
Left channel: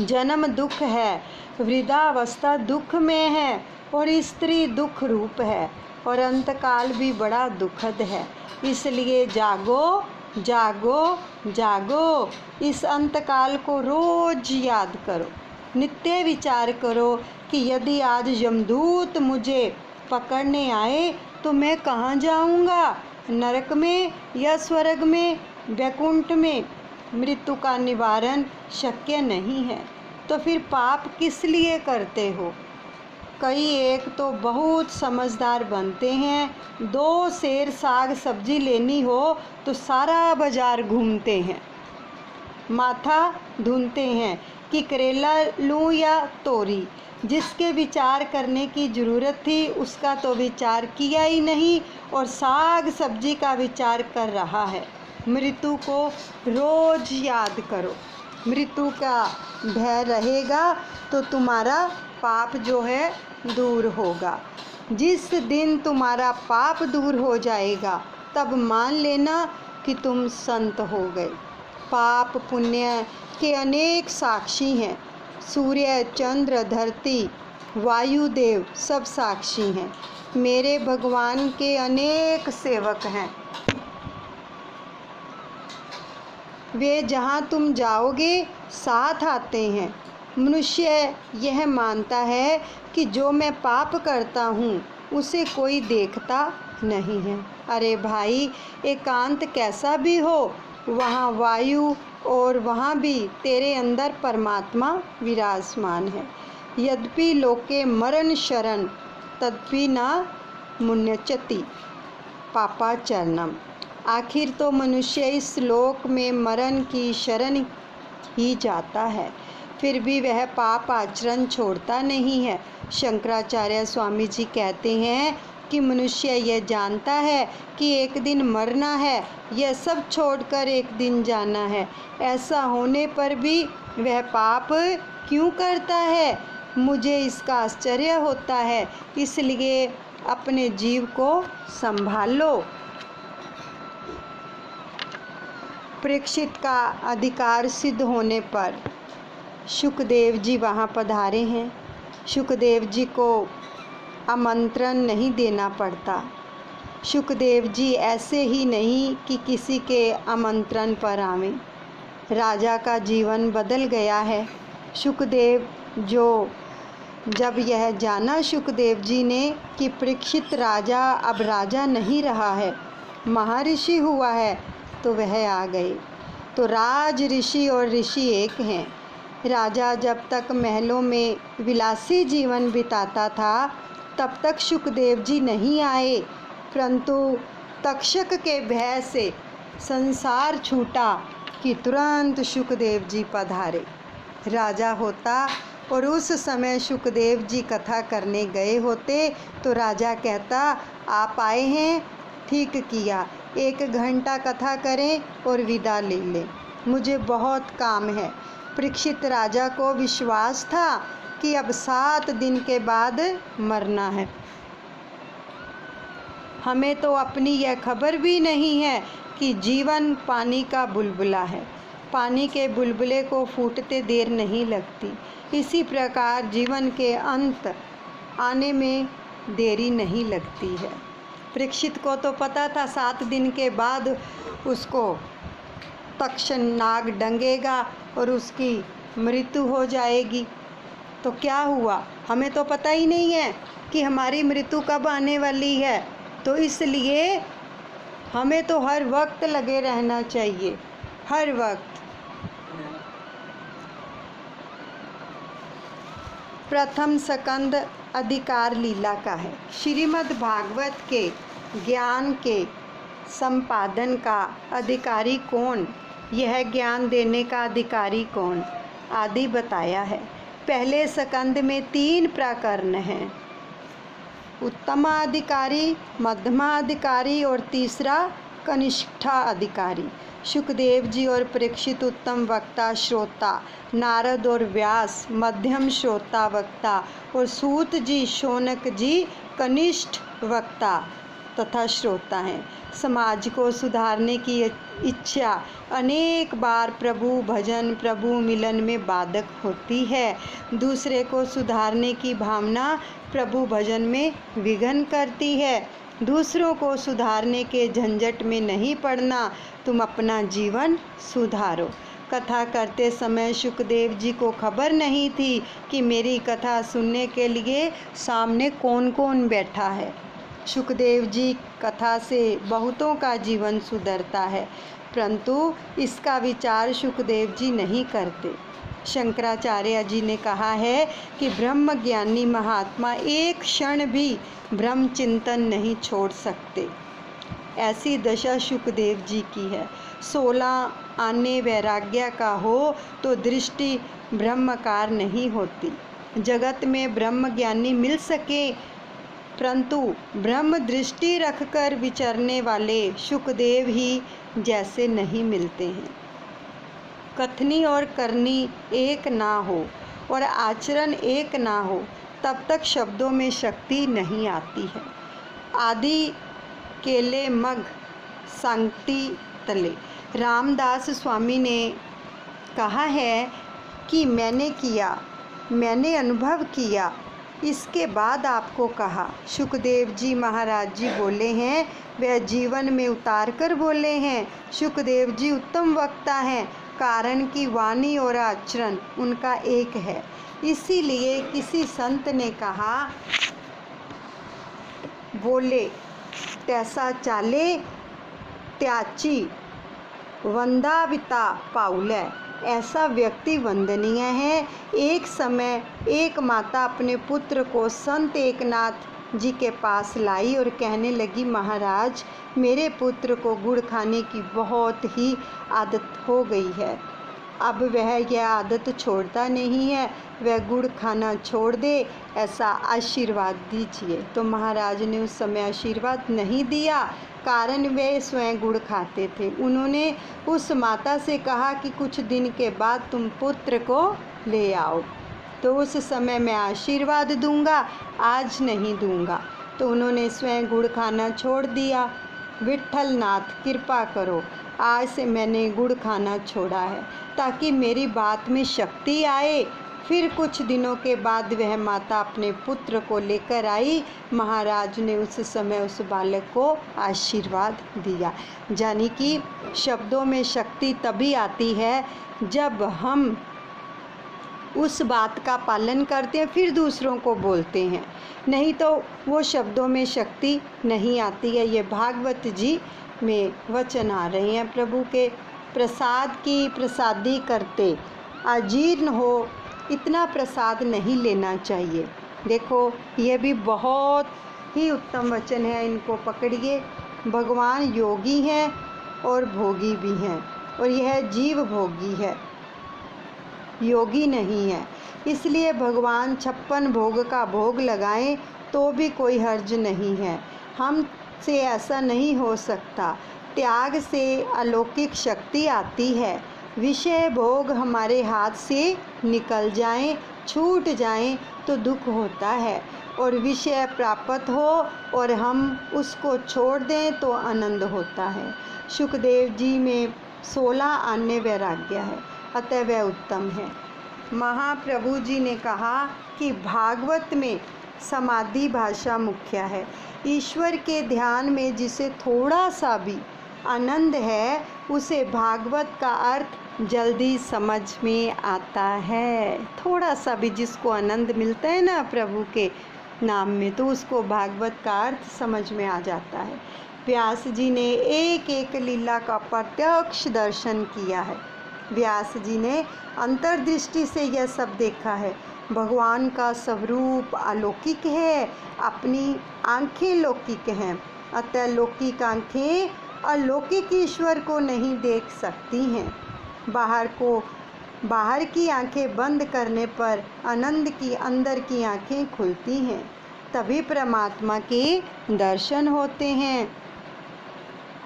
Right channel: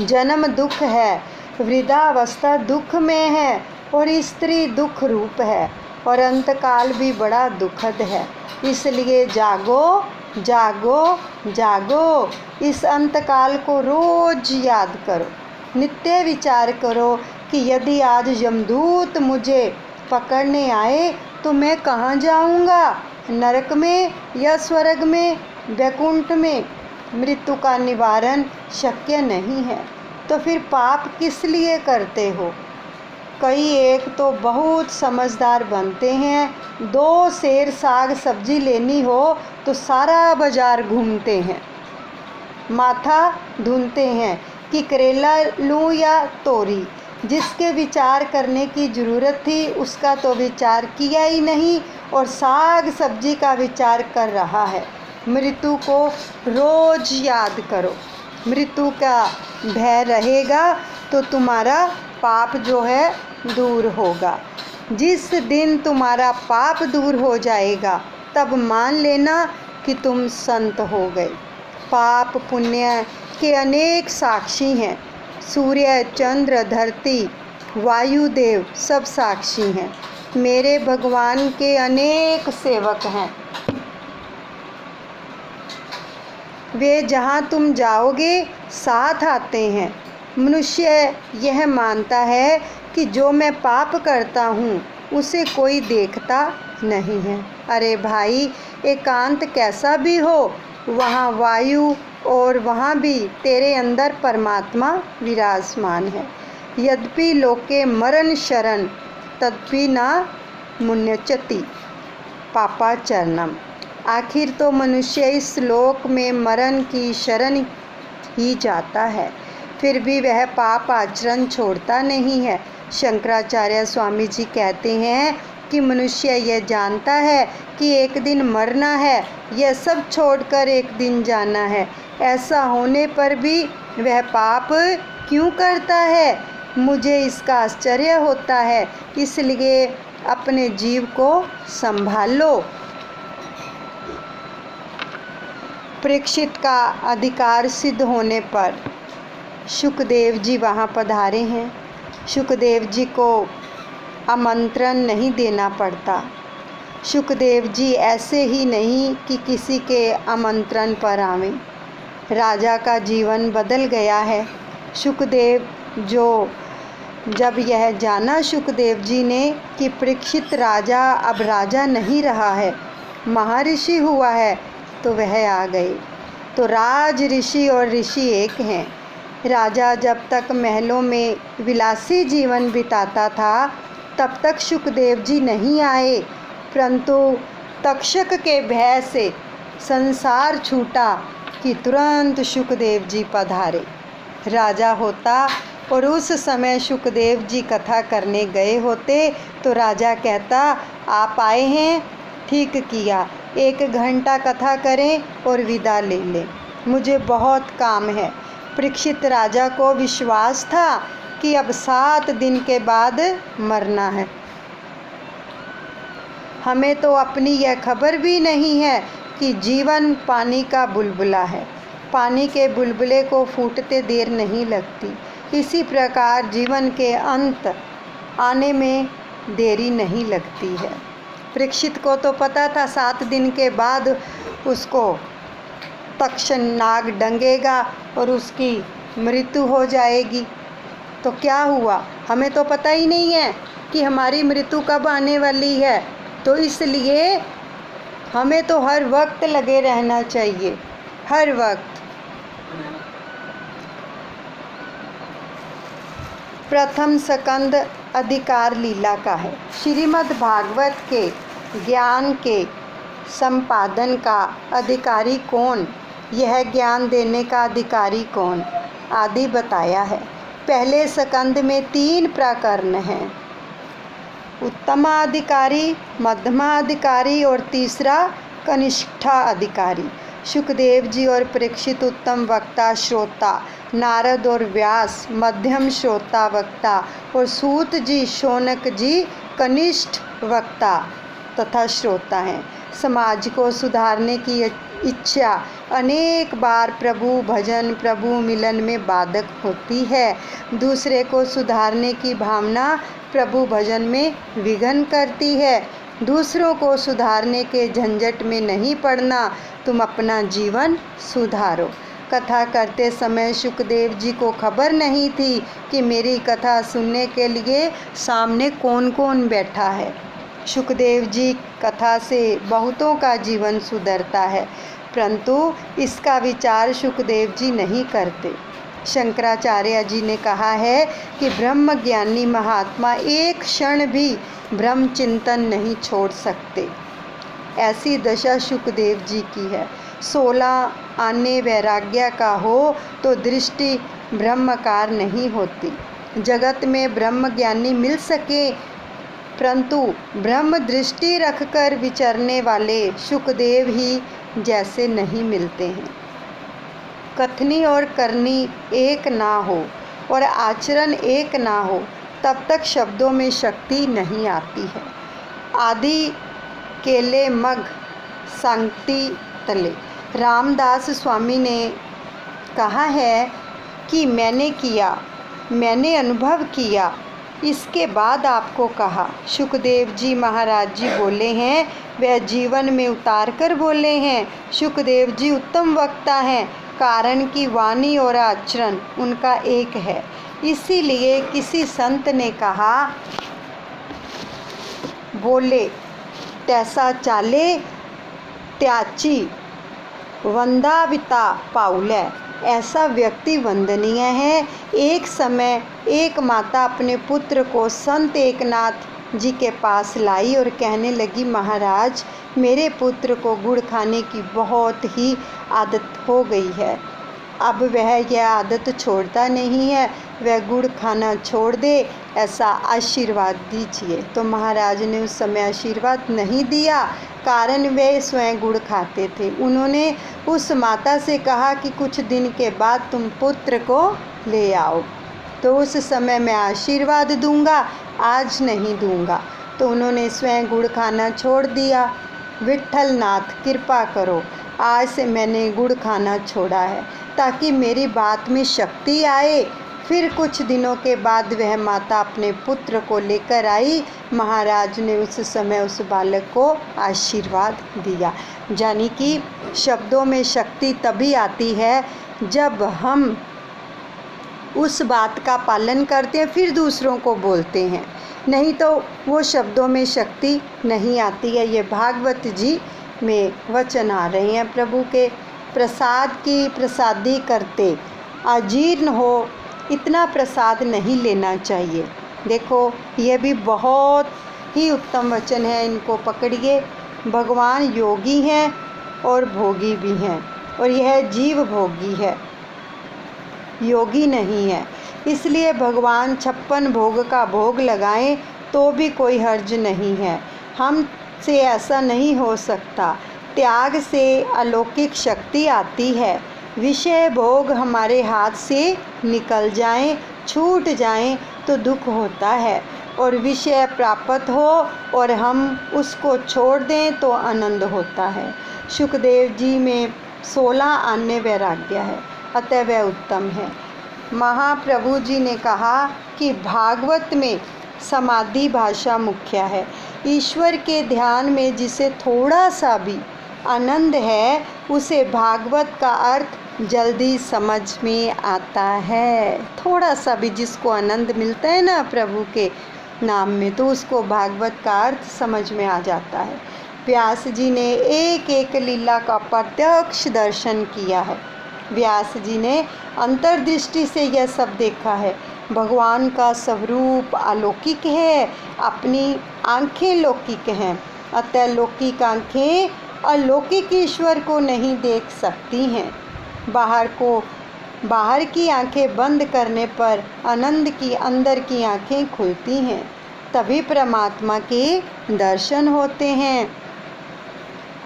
जन्म दुख है, वृद्धावस्था दुख में है और स्त्री दुख रूप है और अंतकाल भी बड़ा दुखद है। इसलिए जागो जागो जागो। इस अंतकाल को रोज याद करो। नित्य विचार करो कि यदि आज यमदूत मुझे पकड़ने आए तो मैं कहाँ जाऊँगा, नरक में या स्वर्ग में, वैकुंठ में। मृत्यु का निवारण शक्य नहीं है तो फिर पाप किस लिए करते हो? कई एक तो बहुत समझदार बनते हैं, 2 सेर साग सब्जी लेनी हो तो सारा बाजार घूमते हैं, माथा धुनते हैं कि करेला लूँ या तोरी। जिसके विचार करने की ज़रूरत थी उसका तो विचार किया ही नहीं और साग सब्जी का विचार कर रहा है। मृत्यु को रोज याद करो। मृत्यु का भय रहेगा तो तुम्हारा पाप जो है दूर होगा। जिस दिन तुम्हारा पाप दूर हो जाएगा तब मान लेना कि तुम संत हो गए। पाप पुण्य के अनेक साक्षी हैं। सूर्य, चंद्र, धरती, वायुदेव सब साक्षी हैं। मेरे भगवान के अनेक सेवक हैं। वे जहाँ तुम जाओगे साथ आते हैं। मनुष्य यह मानता है कि जो मैं पाप करता हूँ उसे कोई देखता नहीं है। अरे भाई, एकांत कैसा भी हो, वहाँ वायु और वहाँ भी तेरे अंदर परमात्मा विराजमान है। यद्यपि लोके मरण शरण तदपि न मुन्यचति पापाचरणम। आखिर तो मनुष्य इस लोक में मरण की शरण ही जाता है, फिर भी वह पाप आचरण छोड़ता नहीं है। शंकराचार्य स्वामी जी कहते हैं कि मनुष्य यह जानता है कि एक दिन मरना है, यह सब छोड़कर एक दिन जाना है। ऐसा होने पर भी वह पाप क्यों करता है? मुझे इसका आश्चर्य होता है। इसलिए अपने जीव को संभालो। परीक्षित का अधिकार सिद्ध होने पर शुकदेव जी वहाँ पधारे हैं। शुकदेव जी को आमंत्रण नहीं देना पड़ता। शुकदेव जी ऐसे ही नहीं कि किसी के आमंत्रण पर आवें। राजा का जीवन बदल गया है। शुकदेव जब यह जाना शुकदेव जी ने कि परीक्षित राजा अब राजा नहीं रहा है, महर्षि हुआ है, तो वह आ गए। तो राज ऋषि और ऋषि एक हैं। राजा जब तक महलों में विलासी जीवन बिताता था तब तक शुकदेव जी नहीं आए, परंतु तक्षक के भय से संसार छूटा कि तुरंत शुकदेव जी पधारे। राजा होता और उस समय शुकदेव जी कथा करने गए होते तो राजा कहता, आप आए हैं, ठीक किया, 1 घंटा कथा करें और विदा ले लें, मुझे बहुत काम है। परीक्षित राजा को विश्वास था कि अब 7 दिन के बाद मरना है। हमें तो अपनी यह खबर भी नहीं है कि जीवन पानी का बुलबुला है। पानी के बुलबुले को फूटते देर नहीं लगती। इसी प्रकार जीवन के अंत आने में देरी नहीं लगती है। परीक्षित को तो पता था 7 दिन के बाद उसको तक्ष नाग डंगेगा और उसकी मृत्यु हो जाएगी। तो क्या हुआ? हमें तो पता ही नहीं है कि हमारी मृत्यु कब आने वाली है। तो इसलिए हमें तो हर वक्त लगे रहना चाहिए, हर वक्त। प्रथम स्कंद अधिकार लीला का है। श्रीमद् भागवत के ज्ञान के संपादन का अधिकारी कौन, यह ज्ञान देने का अधिकारी कौन, आदि बताया है। पहले स्कंद में 3 प्रकरण हैं, उत्तमाधिकारी, मध्यमाधिकारी और तीसरा कनिष्ठा अधिकारी। शुकदेव जी और परीक्षित उत्तम वक्ता श्रोता, नारद और व्यास मध्यम श्रोता वक्ता और सूत जी शौनक जी कनिष्ठ वक्ता तथा श्रोता हैं। समाज को सुधारने की इच्छा अनेक बार प्रभु भजन, प्रभु मिलन में बाधक होती है। दूसरे को सुधारने की भावना प्रभु भजन में विघ्न करती है। दूसरों को सुधारने के झंझट में नहीं पड़ना, तुम अपना जीवन सुधारो। कथा करते समय शुकदेव जी को खबर नहीं थी कि मेरी कथा सुनने के लिए सामने कौन कौन बैठा है। शुकदेव जी कथा से बहुतों का जीवन सुधरता है, परंतु इसका विचार शुकदेव जी नहीं करते। शंकराचार्य जी ने कहा है कि ब्रह्मज्ञानी महात्मा एक क्षण भी ब्रह्म चिंतन नहीं छोड़ सकते। ऐसी दशा शुकदेव जी की है। 16 आने वैराग्य का हो तो दृष्टि ब्रह्मकार नहीं होती। जगत में ब्रह्म ज्ञानी मिल सके, परंतु ब्रह्म दृष्टि रखकर विचरने वाले शुकदेव ही जैसे नहीं मिलते हैं। कथनी और करनी एक ना हो और आचरण एक ना हो, तब तक शब्दों में शक्ति नहीं आती है। आदि केले मग सांगटी तले। रामदास स्वामी ने कहा है कि मैंने किया, मैंने अनुभव किया, इसके बाद आपको कहा। सुखदेव जी महाराज जी बोले हैं, वह जीवन में उतार कर बोले हैं। सुखदेव जी उत्तम वक्ता हैं, कारण कि वाणी और आचरण उनका एक है। इसीलिए किसी संत ने कहा, बोले तैसा चाले त्याची वंदाविता पाउलै। ऐसा व्यक्ति वंदनीय है। एक समय एक माता अपने पुत्र को संत एकनाथ जी के पास लाई और कहने लगी, महाराज मेरे पुत्र को गुड़ खाने की बहुत ही आदत हो गई है। अब वह यह आदत छोड़ता नहीं है, वह गुड़ खाना छोड़ दे, ऐसा आशीर्वाद दीजिए। तो महाराज ने उस समय आशीर्वाद नहीं दिया, कारण वे स्वयं गुड़ खाते थे। उन्होंने उस माता से कहा कि कुछ दिन के बाद तुम पुत्र को ले आओ, तो उस समय मैं आशीर्वाद दूंगा, आज नहीं दूंगा। तो उन्होंने स्वयं गुड़ खाना छोड़ दिया। विट्ठल नाथ कृपा करो, आज से मैंने गुड़ खाना छोड़ा है, ताकि मेरी बात में शक्ति आए। फिर कुछ दिनों के बाद वह माता अपने पुत्र को लेकर आई। महाराज ने उस समय उस बालक को आशीर्वाद दिया। यानी कि शब्दों में शक्ति तभी आती है जब हम उस बात का पालन करते हैं, फिर दूसरों को बोलते हैं, नहीं तो वो शब्दों में शक्ति नहीं आती है। ये भागवत जी में वचन आ रहे हैं प्रभु के। प्रसाद की प्रसादी करते, अजीर्ण हो इतना प्रसाद नहीं लेना चाहिए। देखो ये भी बहुत ही उत्तम वचन है, इनको पकड़िए। भगवान योगी हैं और भोगी भी हैं, और यह जीव भोगी है, योगी नहीं है। इसलिए भगवान 56 भोग का भोग लगाएं तो भी कोई हर्ज नहीं है। हमसे ऐसा नहीं हो सकता। त्याग से अलौकिक शक्ति आती है। विषय भोग हमारे हाथ से निकल जाएं, छूट जाएं तो दुख होता है, और विषय प्राप्त हो और हम उसको छोड़ दें तो आनंद होता है। सुखदेव जी में 16 अन्य वैराग्य है, अतः वह उत्तम है। महाप्रभु जी ने कहा कि भागवत में समाधि भाषा मुख्य है। ईश्वर के ध्यान में जिसे थोड़ा सा भी आनंद है, उसे भागवत का अर्थ जल्दी समझ में आता है। थोड़ा सा भी जिसको आनंद मिलता है ना प्रभु के नाम में, तो उसको भागवत का अर्थ समझ में आ जाता है। व्यास जी ने एक एक लीला का प्रत्यक्ष दर्शन किया है। व्यास जी ने अंतर्दृष्टि से यह सब देखा है। भगवान का स्वरूप अलौकिक है, अपनी आंखें लौकिक हैं, अतः लौकिक आंखें अलौकिक ईश्वर को नहीं देख सकती हैं। बाहर की आंखें बंद करने पर आनंद की अंदर की आंखें खुलती हैं, तभी परमात्मा के दर्शन होते हैं।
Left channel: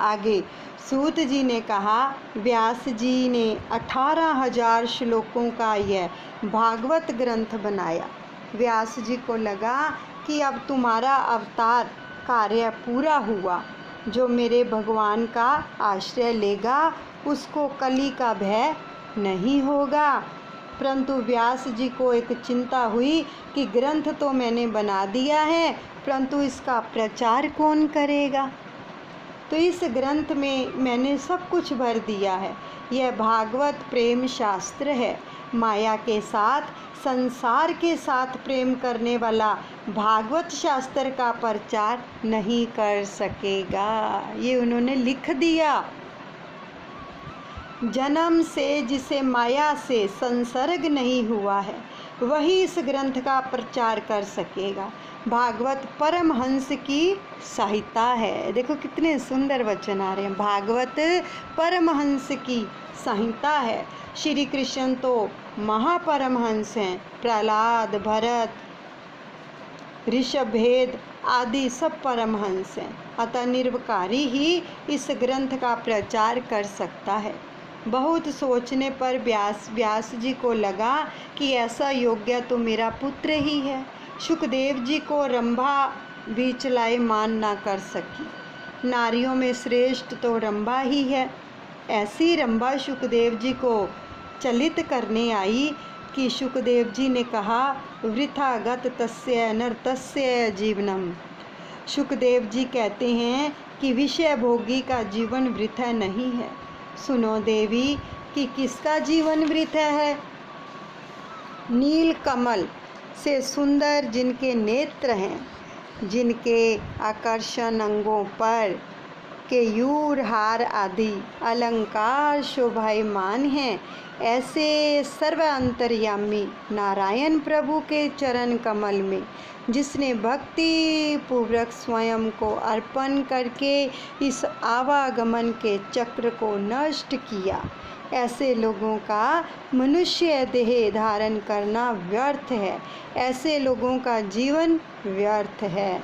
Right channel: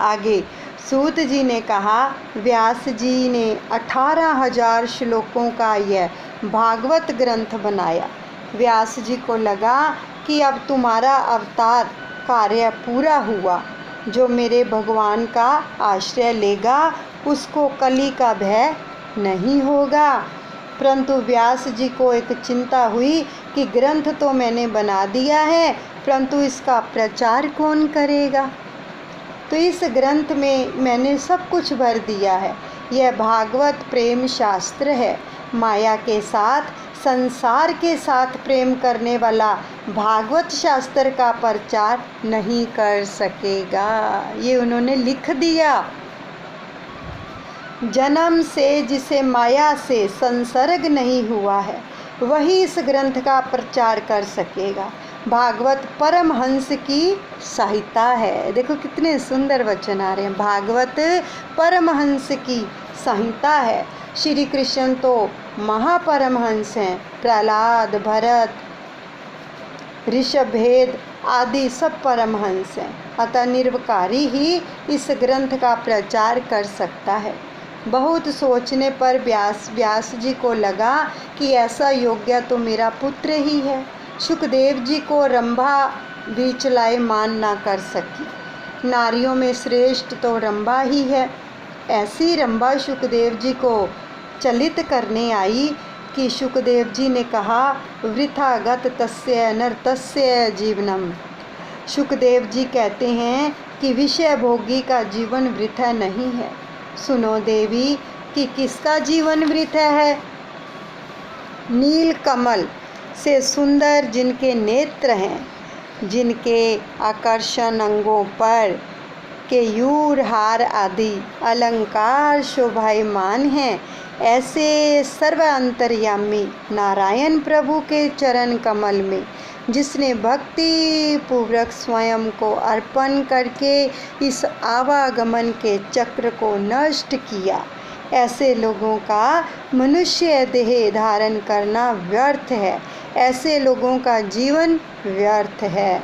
आगे सूत जी ने कहा, व्यास जी ने 18,000 श्लोकों का यह भागवत ग्रंथ बनाया। व्यास जी को लगा कि अब तुम्हारा अवतार कार्य पूरा हुआ। जो मेरे भगवान का आश्रय लेगा उसको कली का भय नहीं होगा। परंतु व्यास जी को एक चिंता हुई कि ग्रंथ तो मैंने बना दिया है, परंतु इसका प्रचार कौन करेगा। तो इस ग्रंथ में मैंने सब कुछ भर दिया है। यह भागवत प्रेम शास्त्र है। माया के साथ, संसार के साथ प्रेम करने वाला भागवत शास्त्र का प्रचार नहीं कर सकेगा। ये उन्होंने लिख दिया। जन्म से जिसे माया से संसर्ग नहीं हुआ है, वही इस ग्रंथ का प्रचार कर सकेगा। भागवत परमहंस की सहायता है। देखो कितने सुंदर वचन आ रहे हैं। भागवत परमहंस की संहिता है। श्री कृष्ण तो महापरमहंस हैं। प्रहलाद, भरत, ऋषभेद आदि सब परमहंस हैं। अतः निर्विकारी ही इस ग्रंथ का प्रचार कर सकता है। बहुत सोचने पर व्यास जी को लगा कि ऐसा योग्य तो मेरा पुत्र ही है। सुखदेव जी को रंभा भी चलायमान ना कर सकी। नारियों में श्रेष्ठ तो रंभा ही है। ऐसी रंभा सुखदेव जी को चलित करने आई कि सुखदेव जी ने कहा, वृथा गत तस्य अनर्थस्य जीवनम। सुखदेव जी कहते हैं कि विषय भोगी का जीवन वृथा नहीं है। सुनो देवी कि किसका जीवन वृथा है। नील कमल से सुंदर जिनके नेत्र हैं, जिनके आकर्षण अंगों पर केयूर हार आदि अलंकार शोभायमान हैं, ऐसे सर्व अंतर्यामी नारायण प्रभु के चरण कमल में जिसने भक्ति पूर्वक स्वयं को अर्पण करके इस आवागमन के चक्र को नष्ट किया, ऐसे लोगों का मनुष्य देह धारण करना व्यर्थ है। ऐसे लोगों का जीवन व्यर्थ है।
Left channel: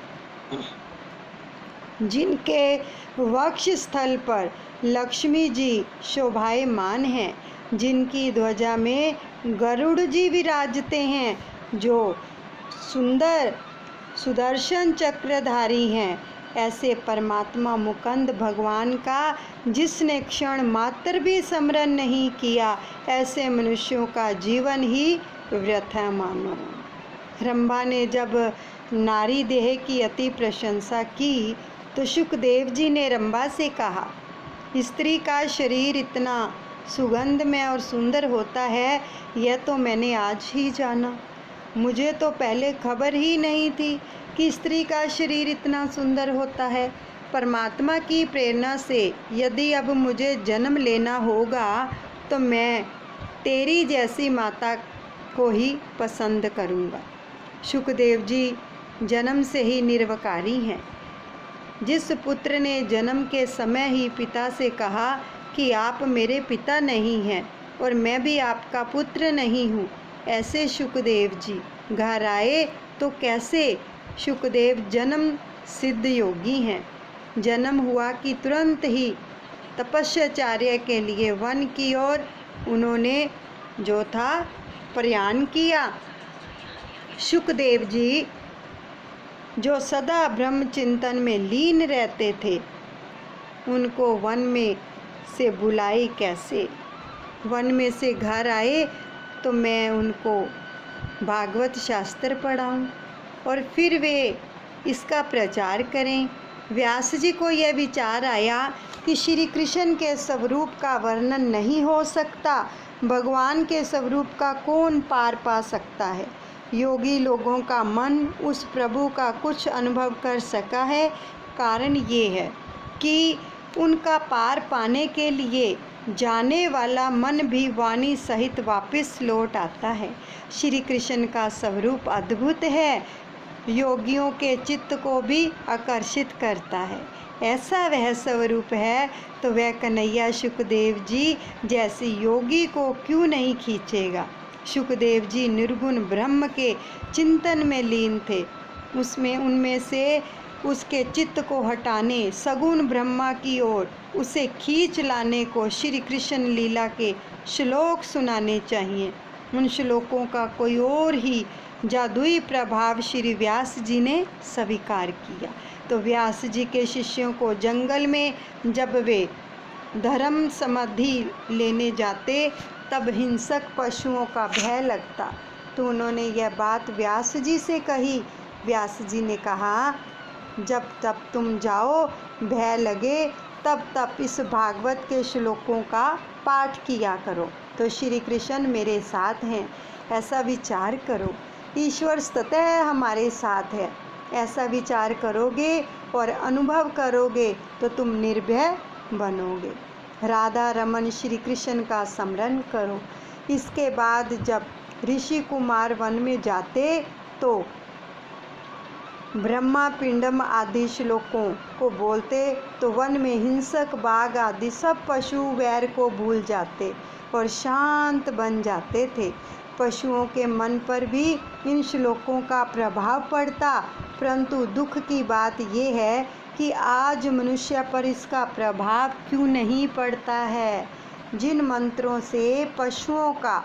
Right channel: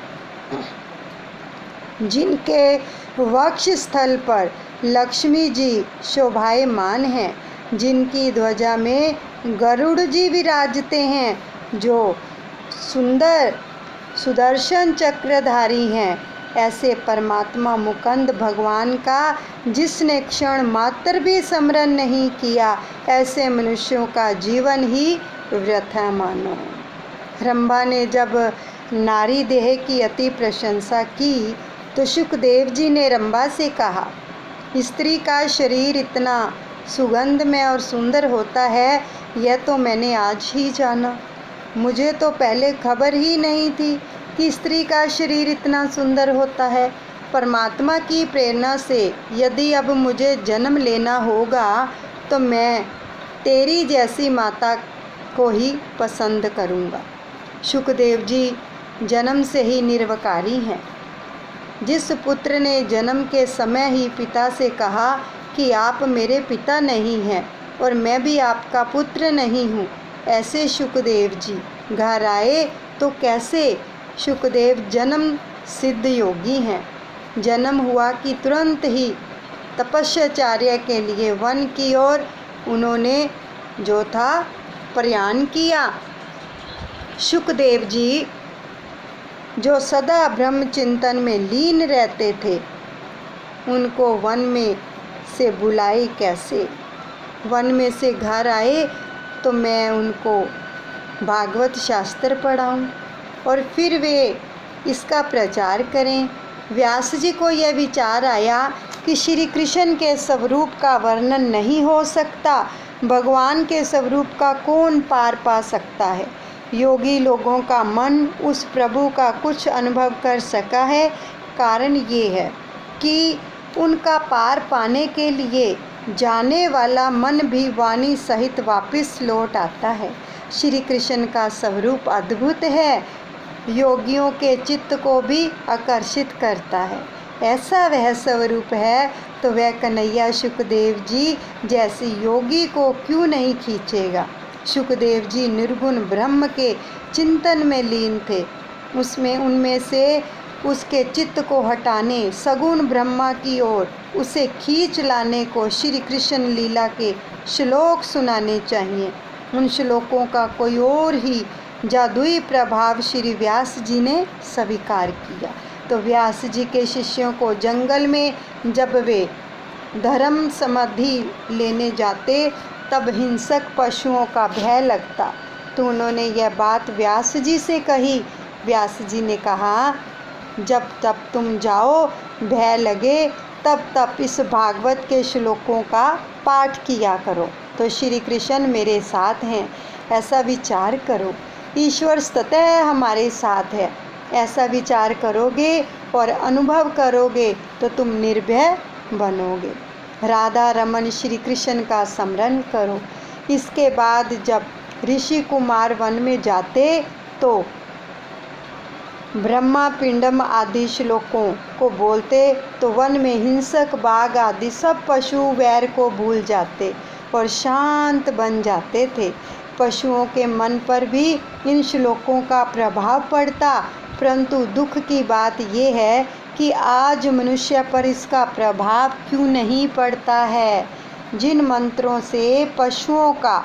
जिनके वक्ष स्थल पर लक्ष्मी जी शोभायमान हैं, जिनकी ध्वजा में गरुड़ जी विराजते हैं, जो सुंदर सुदर्शन चक्रधारी हैं, ऐसे परमात्मा मुकुंद भगवान का जिसने क्षण मात्र भी स्मरण नहीं किया, ऐसे मनुष्यों का जीवन ही व्यर्थ है मानो। रंभा ने जब नारी देह की अति प्रशंसा की तो सुखदेव जी ने रंभा से कहा, स्त्री का शरीर इतना सुगंधमय और सुंदर होता है, यह तो मैंने आज ही जाना। मुझे तो पहले खबर ही नहीं थी कि स्त्री का शरीर इतना सुंदर होता है। परमात्मा की प्रेरणा से यदि अब मुझे जन्म लेना होगा तो मैं तेरी जैसी माता को ही पसंद करूँगा। सुखदेव जी जन्म से ही निर्विकारी हैं। जिस पुत्र ने जन्म के समय ही पिता से कहा कि आप मेरे पिता नहीं हैं और मैं भी आपका पुत्र नहीं हूँ, ऐसे सुखदेव जी घर आए तो कैसे सुखदेव जन्म सिद्ध योगी हैं। जन्म हुआ कि तुरंत ही तपस्याचार्य के लिए वन की ओर उन्होंने जो था प्रयाण किया। सुखदेव जी जो सदा ब्रह्म चिंतन में लीन रहते थे, उनको वन में से बुलाए कैसे। वन में से घर आए तो मैं उनको भागवत शास्त्र पढ़ाऊं और फिर वे इसका प्रचार करें। व्यास जी को यह विचार आया कि श्री कृष्ण के स्वरूप का वर्णन नहीं हो सकता, भगवान के स्वरूप का कौन पार पा सकता है। योगी लोगों का मन उस प्रभु का कुछ अनुभव कर सका है। कारण ये है कि उनका पार पाने के लिए जाने वाला मन भी वाणी सहित वापस लौट आता है। श्री कृष्ण का स्वरूप अद्भुत है, योगियों के चित्त को भी आकर्षित करता है। ऐसा वह स्वरूप है तो वह कन्हैया सुखदेव जी जैसे योगी को क्यों नहीं खींचेगा। सुखदेव जी निर्गुण ब्रह्म के चिंतन में लीन थे। उनमें से उसके चित्त को हटाने, सगुण ब्रह्मा की ओर उसे खींच लाने को श्री कृष्ण लीला के श्लोक सुनाने चाहिए। उन श्लोकों का कोई और ही जादुई प्रभाव श्री व्यास जी ने स्वीकार किया। तो व्यास जी के शिष्यों को जंगल में जब वे धर्म समाधि लेने जाते तब हिंसक पशुओं का भय लगता, तो उन्होंने यह बात व्यास जी से कही। व्यास जी ने कहा, जब तब तुम जाओ, भय लगे तब तब इस भागवत के श्लोकों का पाठ किया करो, तो श्री कृष्ण मेरे साथ हैं, ऐसा विचार करो। ईश्वर सतह हमारे साथ है, ऐसा विचार करोगे और अनुभव करोगे तो तुम निर्भय बनोगे। राधा रमन श्री कृष्ण का स्मरण करो। इसके बाद जब ऋषि कुमार वन में जाते तो ब्रह्मा पिंडम आदि श्लोकों को बोलते तो वन में हिंसक बाघ आदि सब पशु वैर को भूल जाते और शांत बन जाते थे। पशुओं के मन पर भी इन श्लोकों का प्रभाव पड़ता, परंतु दुख की बात यह है कि आज मनुष्य पर इसका प्रभाव क्यों नहीं पड़ता है। जिन मंत्रों से पशुओं का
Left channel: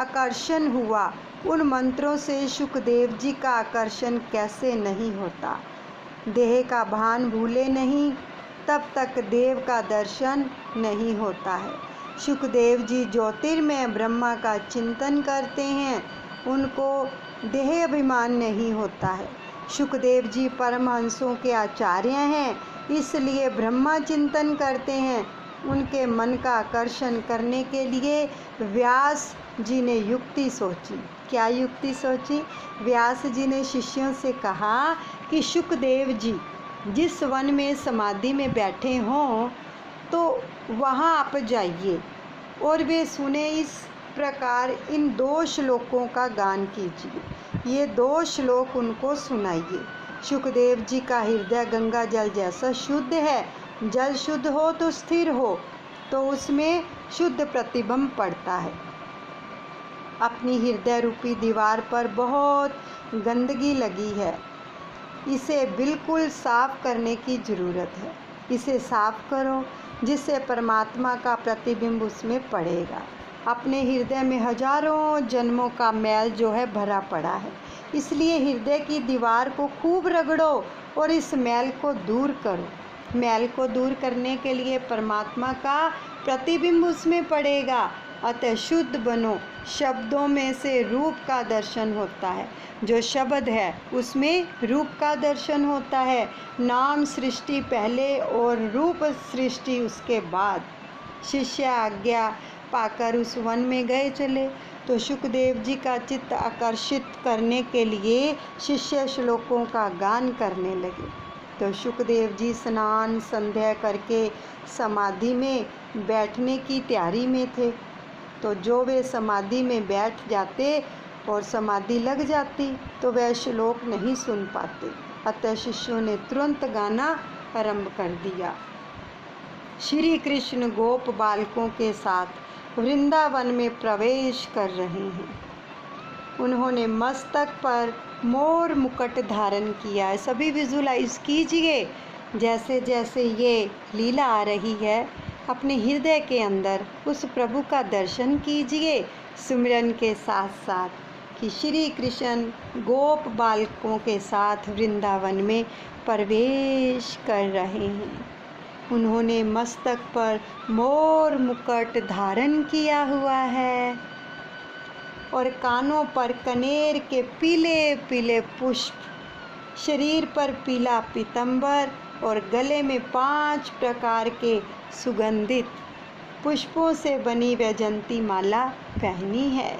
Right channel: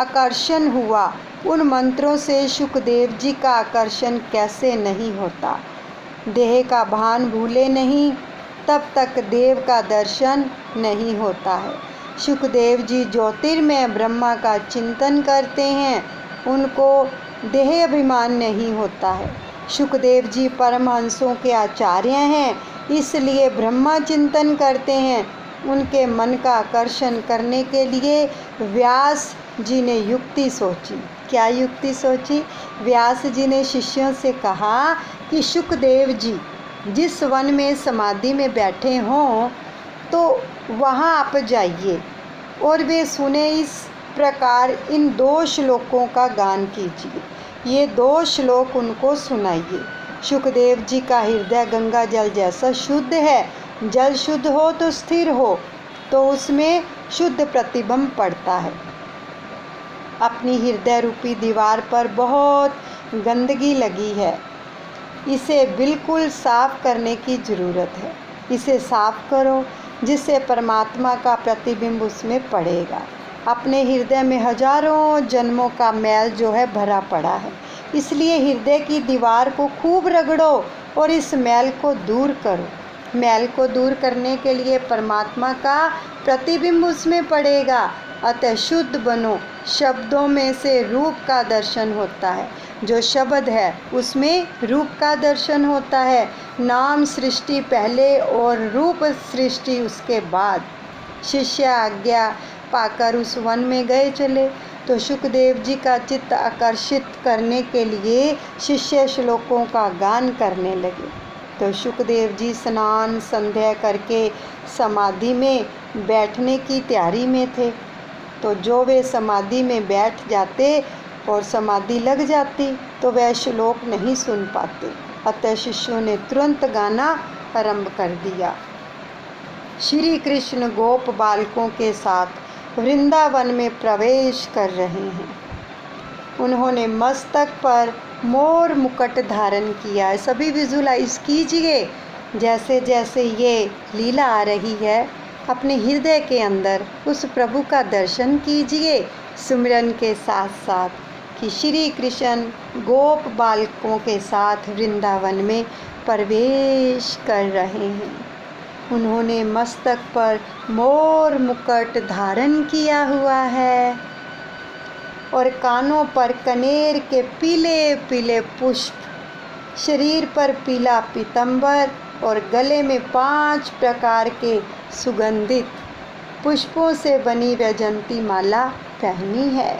आकर्षण हुआ, उन मंत्रों से शुकदेव जी का आकर्षण कैसे नहीं होता। देह का भान भूले नहीं, तब तक देव का दर्शन नहीं होता है। शुकदेव जी ज्योतिर्मय ब्रह्मा का चिंतन करते हैं, उनको देह अभिमान नहीं होता है। शुकदेव जी परमहंसों के आचार्य हैं, इसलिए ब्रह्मा चिंतन करते हैं। उनके मन का आकर्षण करने के लिए व्यास जी ने युक्ति सोची। क्या युक्ति सोची? व्यास जी ने शिष्यों से कहा कि शुकदेव जी जिस वन में समाधि में बैठे हों तो वहाँ आप जाइए और वे सुने इस प्रकार इन 2 श्लोकों का गान कीजिए। ये 2 श्लोक उनको सुनाइए। शुकदेव जी का हृदय गंगा जल जैसा शुद्ध है। जल शुद्ध हो तो स्थिर हो, तो उसमें शुद्ध प्रतिबिंब पड़ता है। अपनी हृदय रूपी दीवार पर बहुत गंदगी लगी है, इसे बिल्कुल साफ करने की ज़रूरत है। इसे साफ करो, जिससे परमात्मा का प्रतिबिंब उसमें पड़ेगा। अपने हृदय में हजारों जन्मों का मैल जो है भरा पड़ा है, इसलिए हृदय की दीवार को खूब रगड़ो और इस मैल को दूर करो। मैल को दूर करने के लिए परमात्मा का प्रतिबिंब उसमें पड़ेगा। अतः शुद्ध बनो। शब्दों में से रूप का दर्शन होता है। जो शब्द है उसमें रूप का दर्शन होता है। नाम सृष्टि पहले और रूप सृष्टि उसके बाद। शिष्य आज्ञा पाकर उस वन में गए चले, तो शुकदेव जी का चित्त आकर्षित करने के लिए शिष्य श्लोकों का गान करने लगे। तो शुकदेव जी स्नान संध्या करके समाधि में बैठने की तैयारी में थे। तो जो वे समाधि में बैठ जाते और समाधि लग जाती तो वह श्लोक नहीं सुन पाते। अतः शिष्यों ने तुरंत गाना आरंभ कर दिया। श्री कृष्ण गोप बालकों के साथ वृंदावन में प्रवेश कर रहे हैं। उन्होंने मस्तक पर मोर मुकुट धारण किया है। सभी विजुलाइज कीजिए, जैसे जैसे ये लीला आ रही है अपने हृदय के अंदर उस प्रभु का दर्शन कीजिए सुमिरन के साथ साथ कि श्री कृष्ण गोप बालकों के साथ वृंदावन में प्रवेश कर रहे हैं। उन्होंने मस्तक पर मोर मुकुट धारण किया हुआ है और कानों पर कनेर के पीले पीले पुष्प, शरीर पर पीला पीतंबर और गले में 5 प्रकार के सुगंधित पुष्पों से बनी वैजंती माला पहनी है।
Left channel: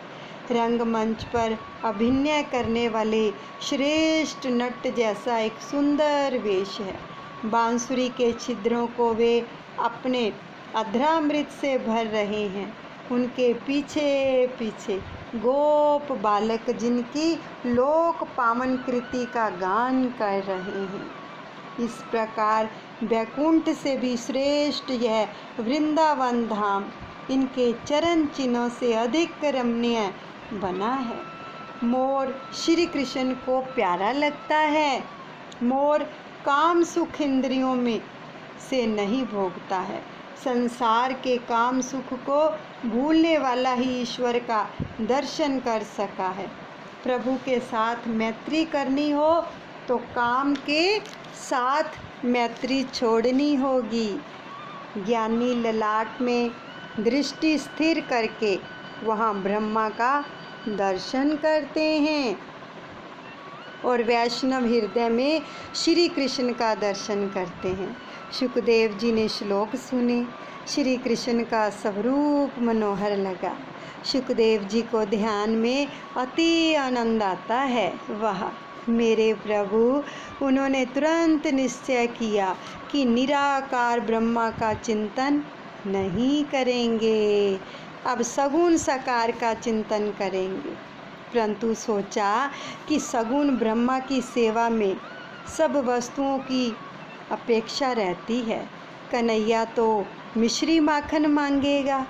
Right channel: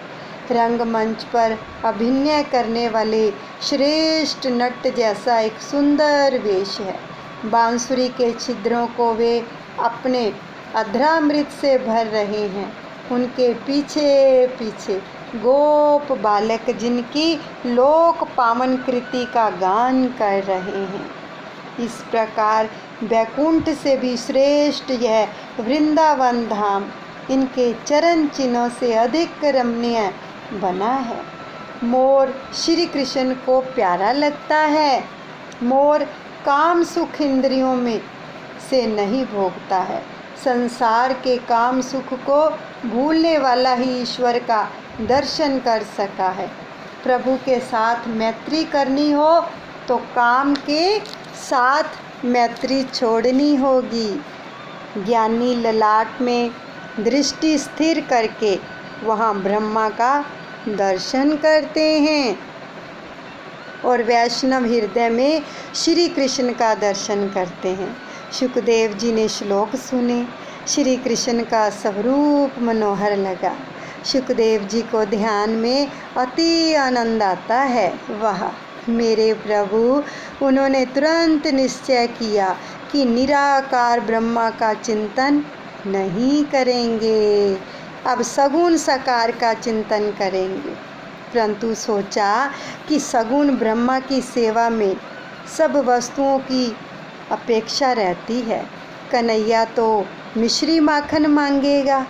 रंगमंच पर अभिनय करने वाले श्रेष्ठ नट जैसा एक सुंदर वेश है। बांसुरी के छिद्रों को वे अपने अधरामृत से भर रहे हैं। उनके पीछे पीछे गोप बालक जिनकी लोक पावन कृति का गान कर रहे हैं। इस प्रकार वैकुंठ से भी श्रेष्ठ यह वृंदावन धाम इनके चरण चिन्हों से अधिक रमणीय बना है। मोर श्री कृष्ण को प्यारा लगता है। मोर काम सुख इंद्रियों में से नहीं भोगता है। संसार के काम सुख को भूलने वाला ही ईश्वर का दर्शन कर सका है। प्रभु के साथ मैत्री करनी हो तो काम के साथ मैत्री छोड़नी होगी। ज्ञानी ललाट में दृष्टि स्थिर करके वहाँ ब्रह्मा का दर्शन करते हैं और वैष्णव हृदय में श्री कृष्ण का दर्शन करते हैं। शुकदेव जी ने श्लोक सुने। श्री कृष्ण का स्वरूप मनोहर लगा। शुकदेव जी को ध्यान में अति आनंद आता है। वाह मेरे प्रभु! उन्होंने तुरंत निश्चय किया कि निराकार ब्रह्मा का चिंतन नहीं करेंगे, अब सगुण साकार का चिंतन करेंगे। परंतु सोचा कि सगुण ब्रह्मा की सेवा में सब वस्तुओं की अपेक्षा रहती है। कन्हैया तो मिश्री माखन मांगेगा,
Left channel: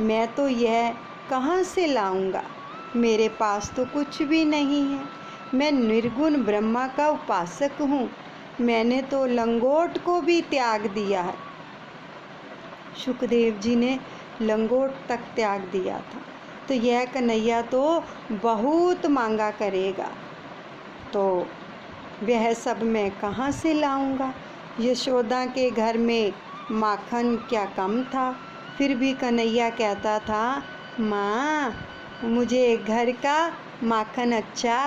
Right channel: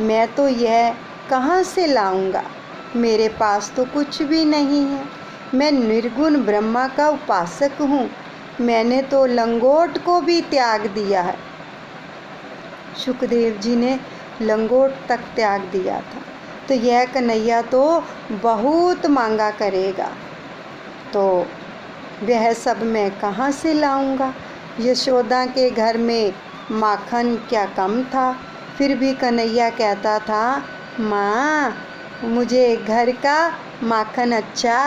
मैं तो यह कहाँ से लाऊंगा? मेरे पास तो कुछ भी नहीं है। मैं निर्गुण ब्रह्मा का उपासक हूँ। मैंने तो लंगोट को भी त्याग दिया है। शुकदेव जी ने लंगोट तक त्याग दिया था। तो यह कन्हैया तो बहुत मांगा करेगा, तो वह सब मैं कहाँ से लाऊंगा। यशोदा के घर में माखन क्या कम था, फिर भी कन्हैया कहता था, माँ मुझे घर का माखन अच्छा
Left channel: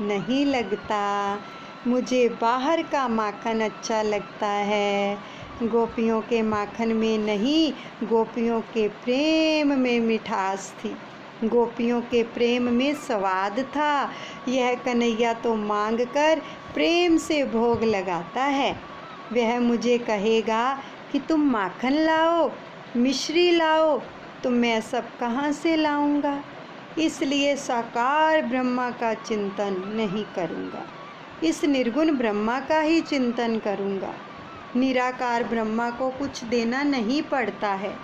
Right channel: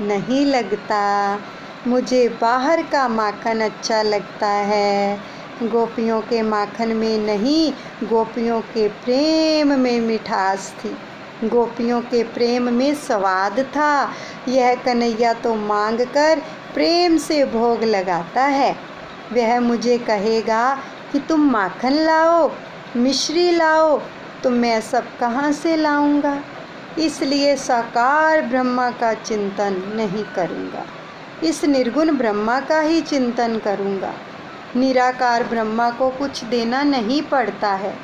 नहीं लगता, मुझे बाहर का माखन अच्छा लगता है। गोपियों के माखन में नहीं, गोपियों के प्रेम में मिठास थी, गोपियों के प्रेम में स्वाद था। यह कन्हैया तो मांग कर प्रेम से भोग लगाता है। वह मुझे कहेगा कि तुम माखन लाओ, मिश्री लाओ, तो मैं सब कहाँ से लाऊंगा। इसलिए साकार ब्रह्मा का चिंतन नहीं करूँगा, इस निर्गुण ब्रह्मा का ही चिंतन करूँगा। निराकार ब्रह्मा को कुछ देना नहीं पड़ता है,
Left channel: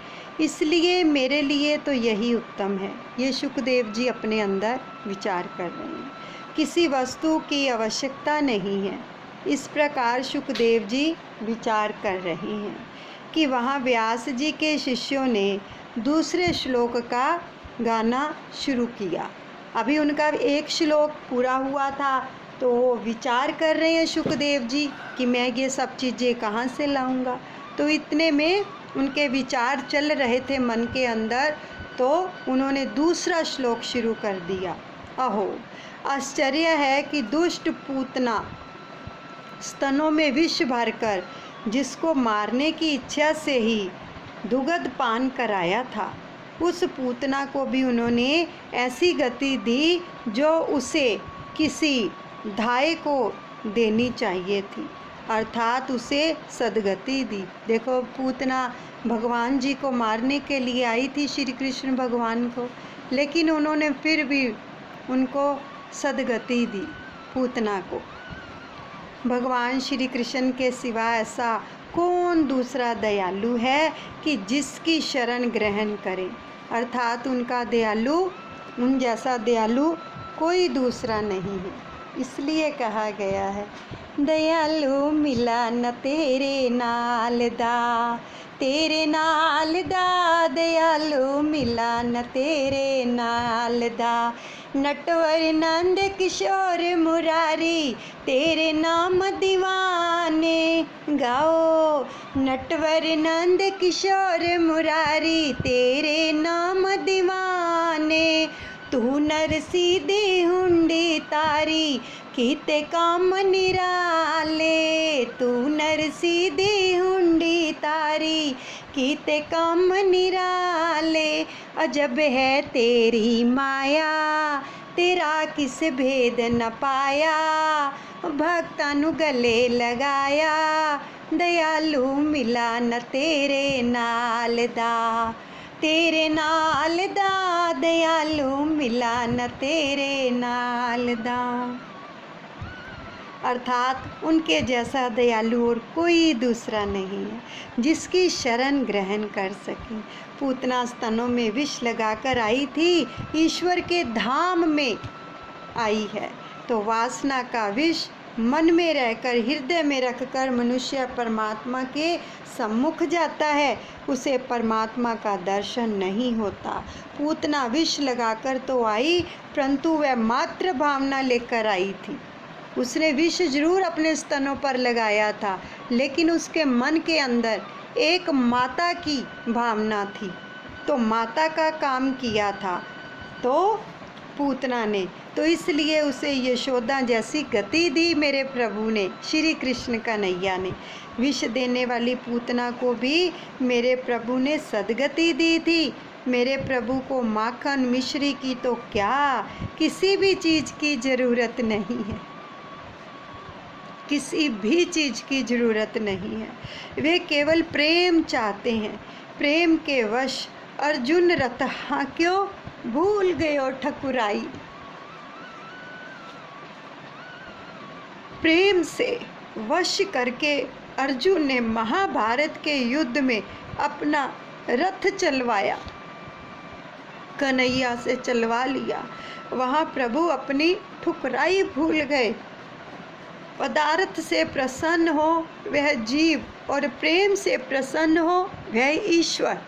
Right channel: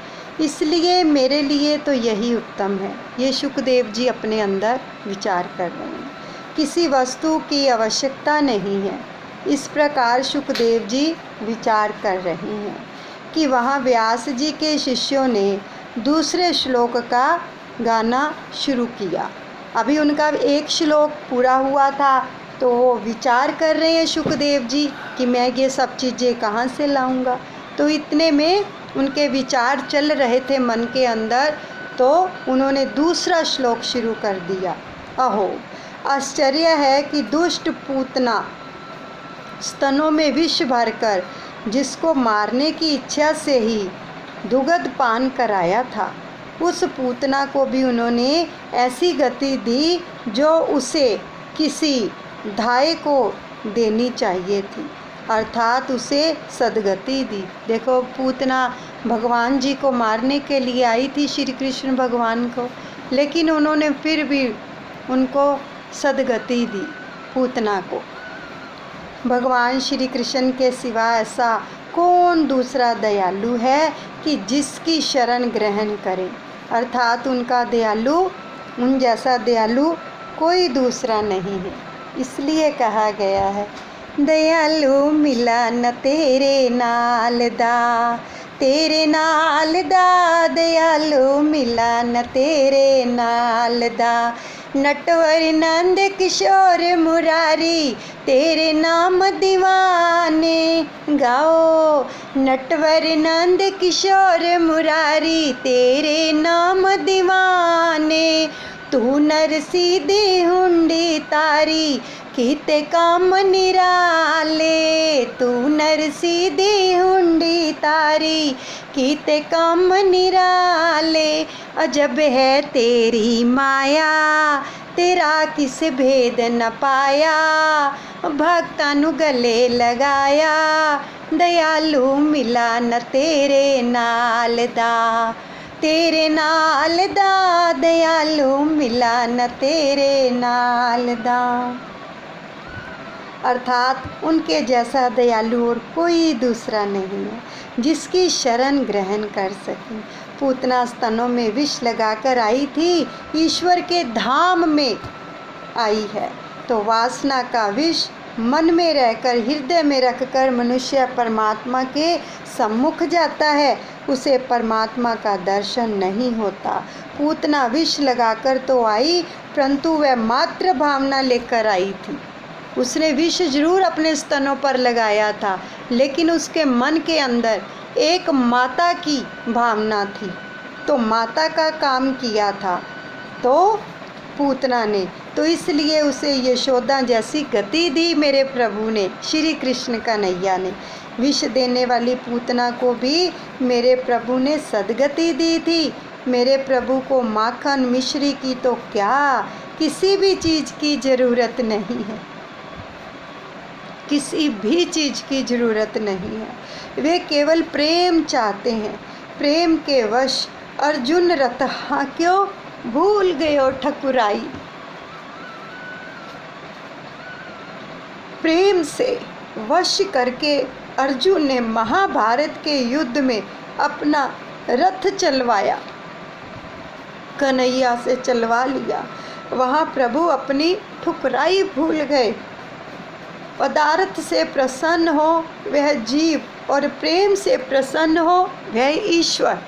इसलिए मेरे लिए तो यही उत्तम है। ये शुकदेव जी अपने अंदर विचार कर रहे हैं, किसी वस्तु की आवश्यकता नहीं है। इस प्रकार शुकदेव जी विचार कर रहे हैं कि वहाँ व्यास जी के शिष्यों ने दूसरे श्लोक का गाना शुरू किया। अभी उनका एक श्लोक पूरा हुआ था, तो वो विचार कर रहे हैं शुकदेव जी कि मैं ये सब चीज़ें कहाँ से लाऊंगा। तो इतने में उनके विचार चल रहे थे मन के अंदर, तो उन्होंने दूसरा श्लोक शुरू कर दिया। अहो आश्चर्य है कि दुष्ट पूतना स्तनों में विष भरकर जिसको मारने की इच्छा से ही दुग्ध पान कराया था, उस पूतना को भी उन्होंने ऐसी गति दी जो उसे किसी धाय को देनी चाहिए थी, अर्थात उसे सदगति दी। देखो पूतना भगवान जी को मारने के लिए आई थी, श्री कृष्ण भगवान को, लेकिन उन्होंने फिर भी उनको सदगति दी पूतना को। भगवान श्री कृष्ण के सिवा ऐसा कौन दूसरा दयालु है कि जिसकी शरण ग्रहण करे, अर्थात उनका दयालु, उन जैसा दयालु कोई दूसरा नहीं है। इसलिए कहा गया है, दयालु मिला न तेरे नाल दा, तेरे नाल दा, दयालु मिला न तेरे नाल दा। नटवर नंद किशोर मुरारी तेरे नाम दीवाने गाओ, नटवर नंद किशोर मुरारी तेरे नाम दीवाने। तू नर सीधी हुंडी तारी कीते काम निराले, तू नर सीधी हुंडी तारी कीते काम निराले। अजब है तेरी माया तेरा किस भेद न पाया, भक्तां नु गले लगाया, दयालु मिला न तेरे नाल दा, तेरे नाल दा, दयालु मिला न तेरे नाल दा। अर्थात उनके जैसा दयालु और कोई दूसरा नहीं है जिसकी शरण ग्रहण कर सके। पूतना स्तनों में विष लगाकर आई थी, ईश्वर के धाम में आई है, तो वासना का विष मन में रहकर हृदय में रखकर मनुष्य परमात्मा के सम्मुख जाता है, उसे परमात्मा का दर्शन नहीं होता। पूतना विष लगाकर तो आई, परंतु वह मात्र भावना लेकर आई थी। उसने विष जरूर अपने स्तनों पर लगाया था, लेकिन उसके मन के अंदर एक माता की भावना थी, तो माता का काम किया था तो पूतना ने, तो इसलिए उसे यशोदा जैसी गति दी मेरे प्रभु ने, श्री कृष्ण कन्हैया ने। विष देने वाली पूतना को भी मेरे प्रभु ने सदगति दी थी। मेरे प्रभु को माखन मिश्री की तो क्या, किसी भी चीज़ की ज़रूरत नहीं है, किसी भी चीज़ की ज़रूरत नहीं है। वे केवल प्रेम चाहते हैं। प्रेम के वश अर्जुन रतहा क्यों भूल गयो ठकुराई। प्रेम से वश करके अर्जुन ने महाभारत के युद्ध में अपना रथ चलवाया, कन्हैया से चलवा लिया। वहाँ प्रभु अपनी ठुकराई भूल गए। पदार्थ से प्रसन्न हो वह जीव और प्रेम से प्रसन्न हो वह ईश्वर।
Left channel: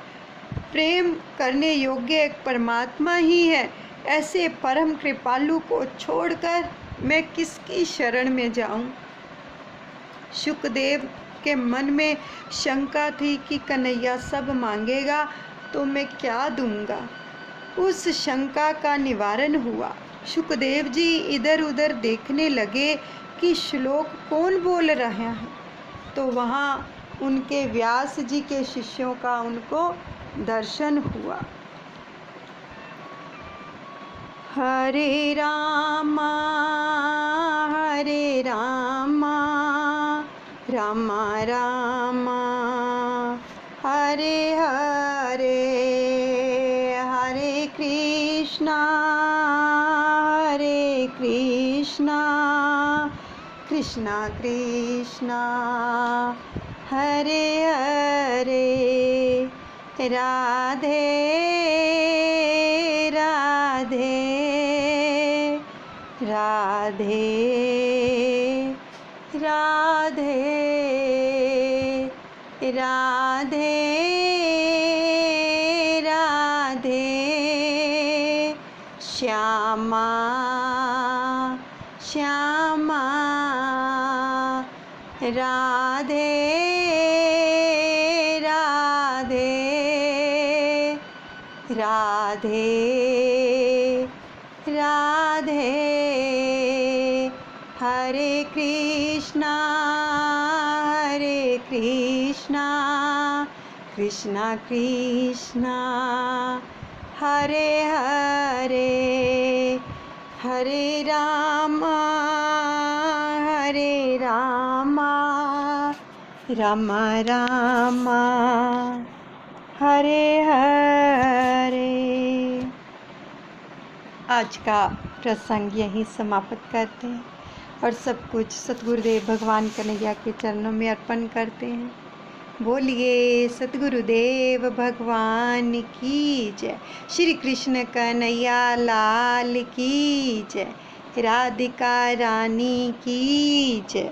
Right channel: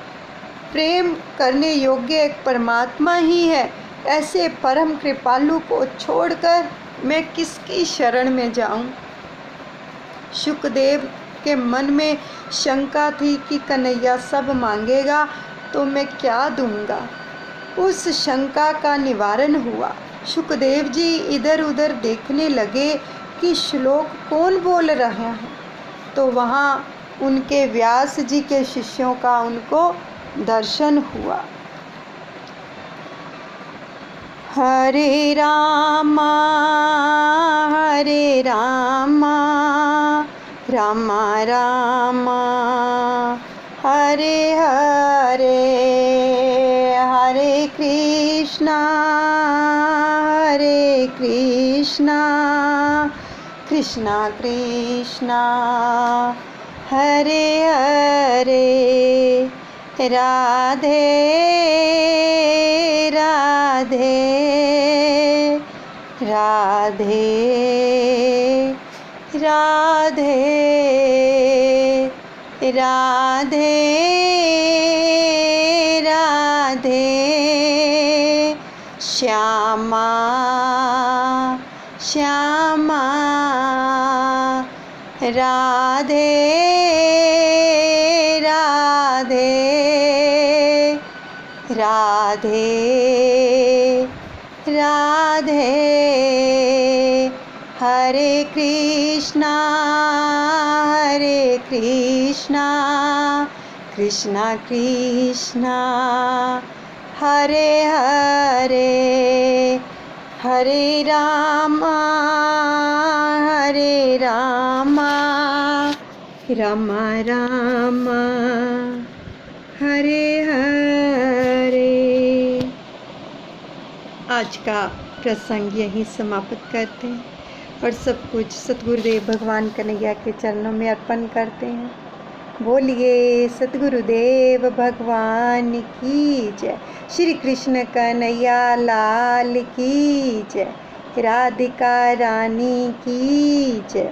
प्रेम करने योग्य एक परमात्मा ही है। ऐसे परम कृपालु को छोड़कर मैं किसकी शरण में जाऊं? शुकदेव के मन में शंका थी कि कन्हैया सब मांगेगा तो मैं क्या दूंगा। उस शंका का निवारण हुआ। शुकदेव जी इधर उधर देखने लगे कि श्लोक कौन बोल रहे हैं, तो वहाँ उनके व्यास जी के शिष्यों का उनको दर्शन हुआ। हरे रामा रामा रामा हरे हरे, हरे कृष्णा कृष्णा कृष्णा हरे हरे, राधे राधे राधे राधे राधे राधे, श्यामा श्यामा राधे राधे राधे राधे, हरे कृष्णा कृष्णा कृष्णा हरे हरे, हरे रामा रामा रामा हरे हरे। आज का प्रसंग यहीं समाप्त करते हैं और सब कुछ सतगुरुदेव भगवान कन्हैया के चरणों में अर्पण करते हैं। बोलिए सतगुरुदेव भगवान की जय। श्री कृष्ण कन्हैया लाल की जय। राधिका रानी की जय।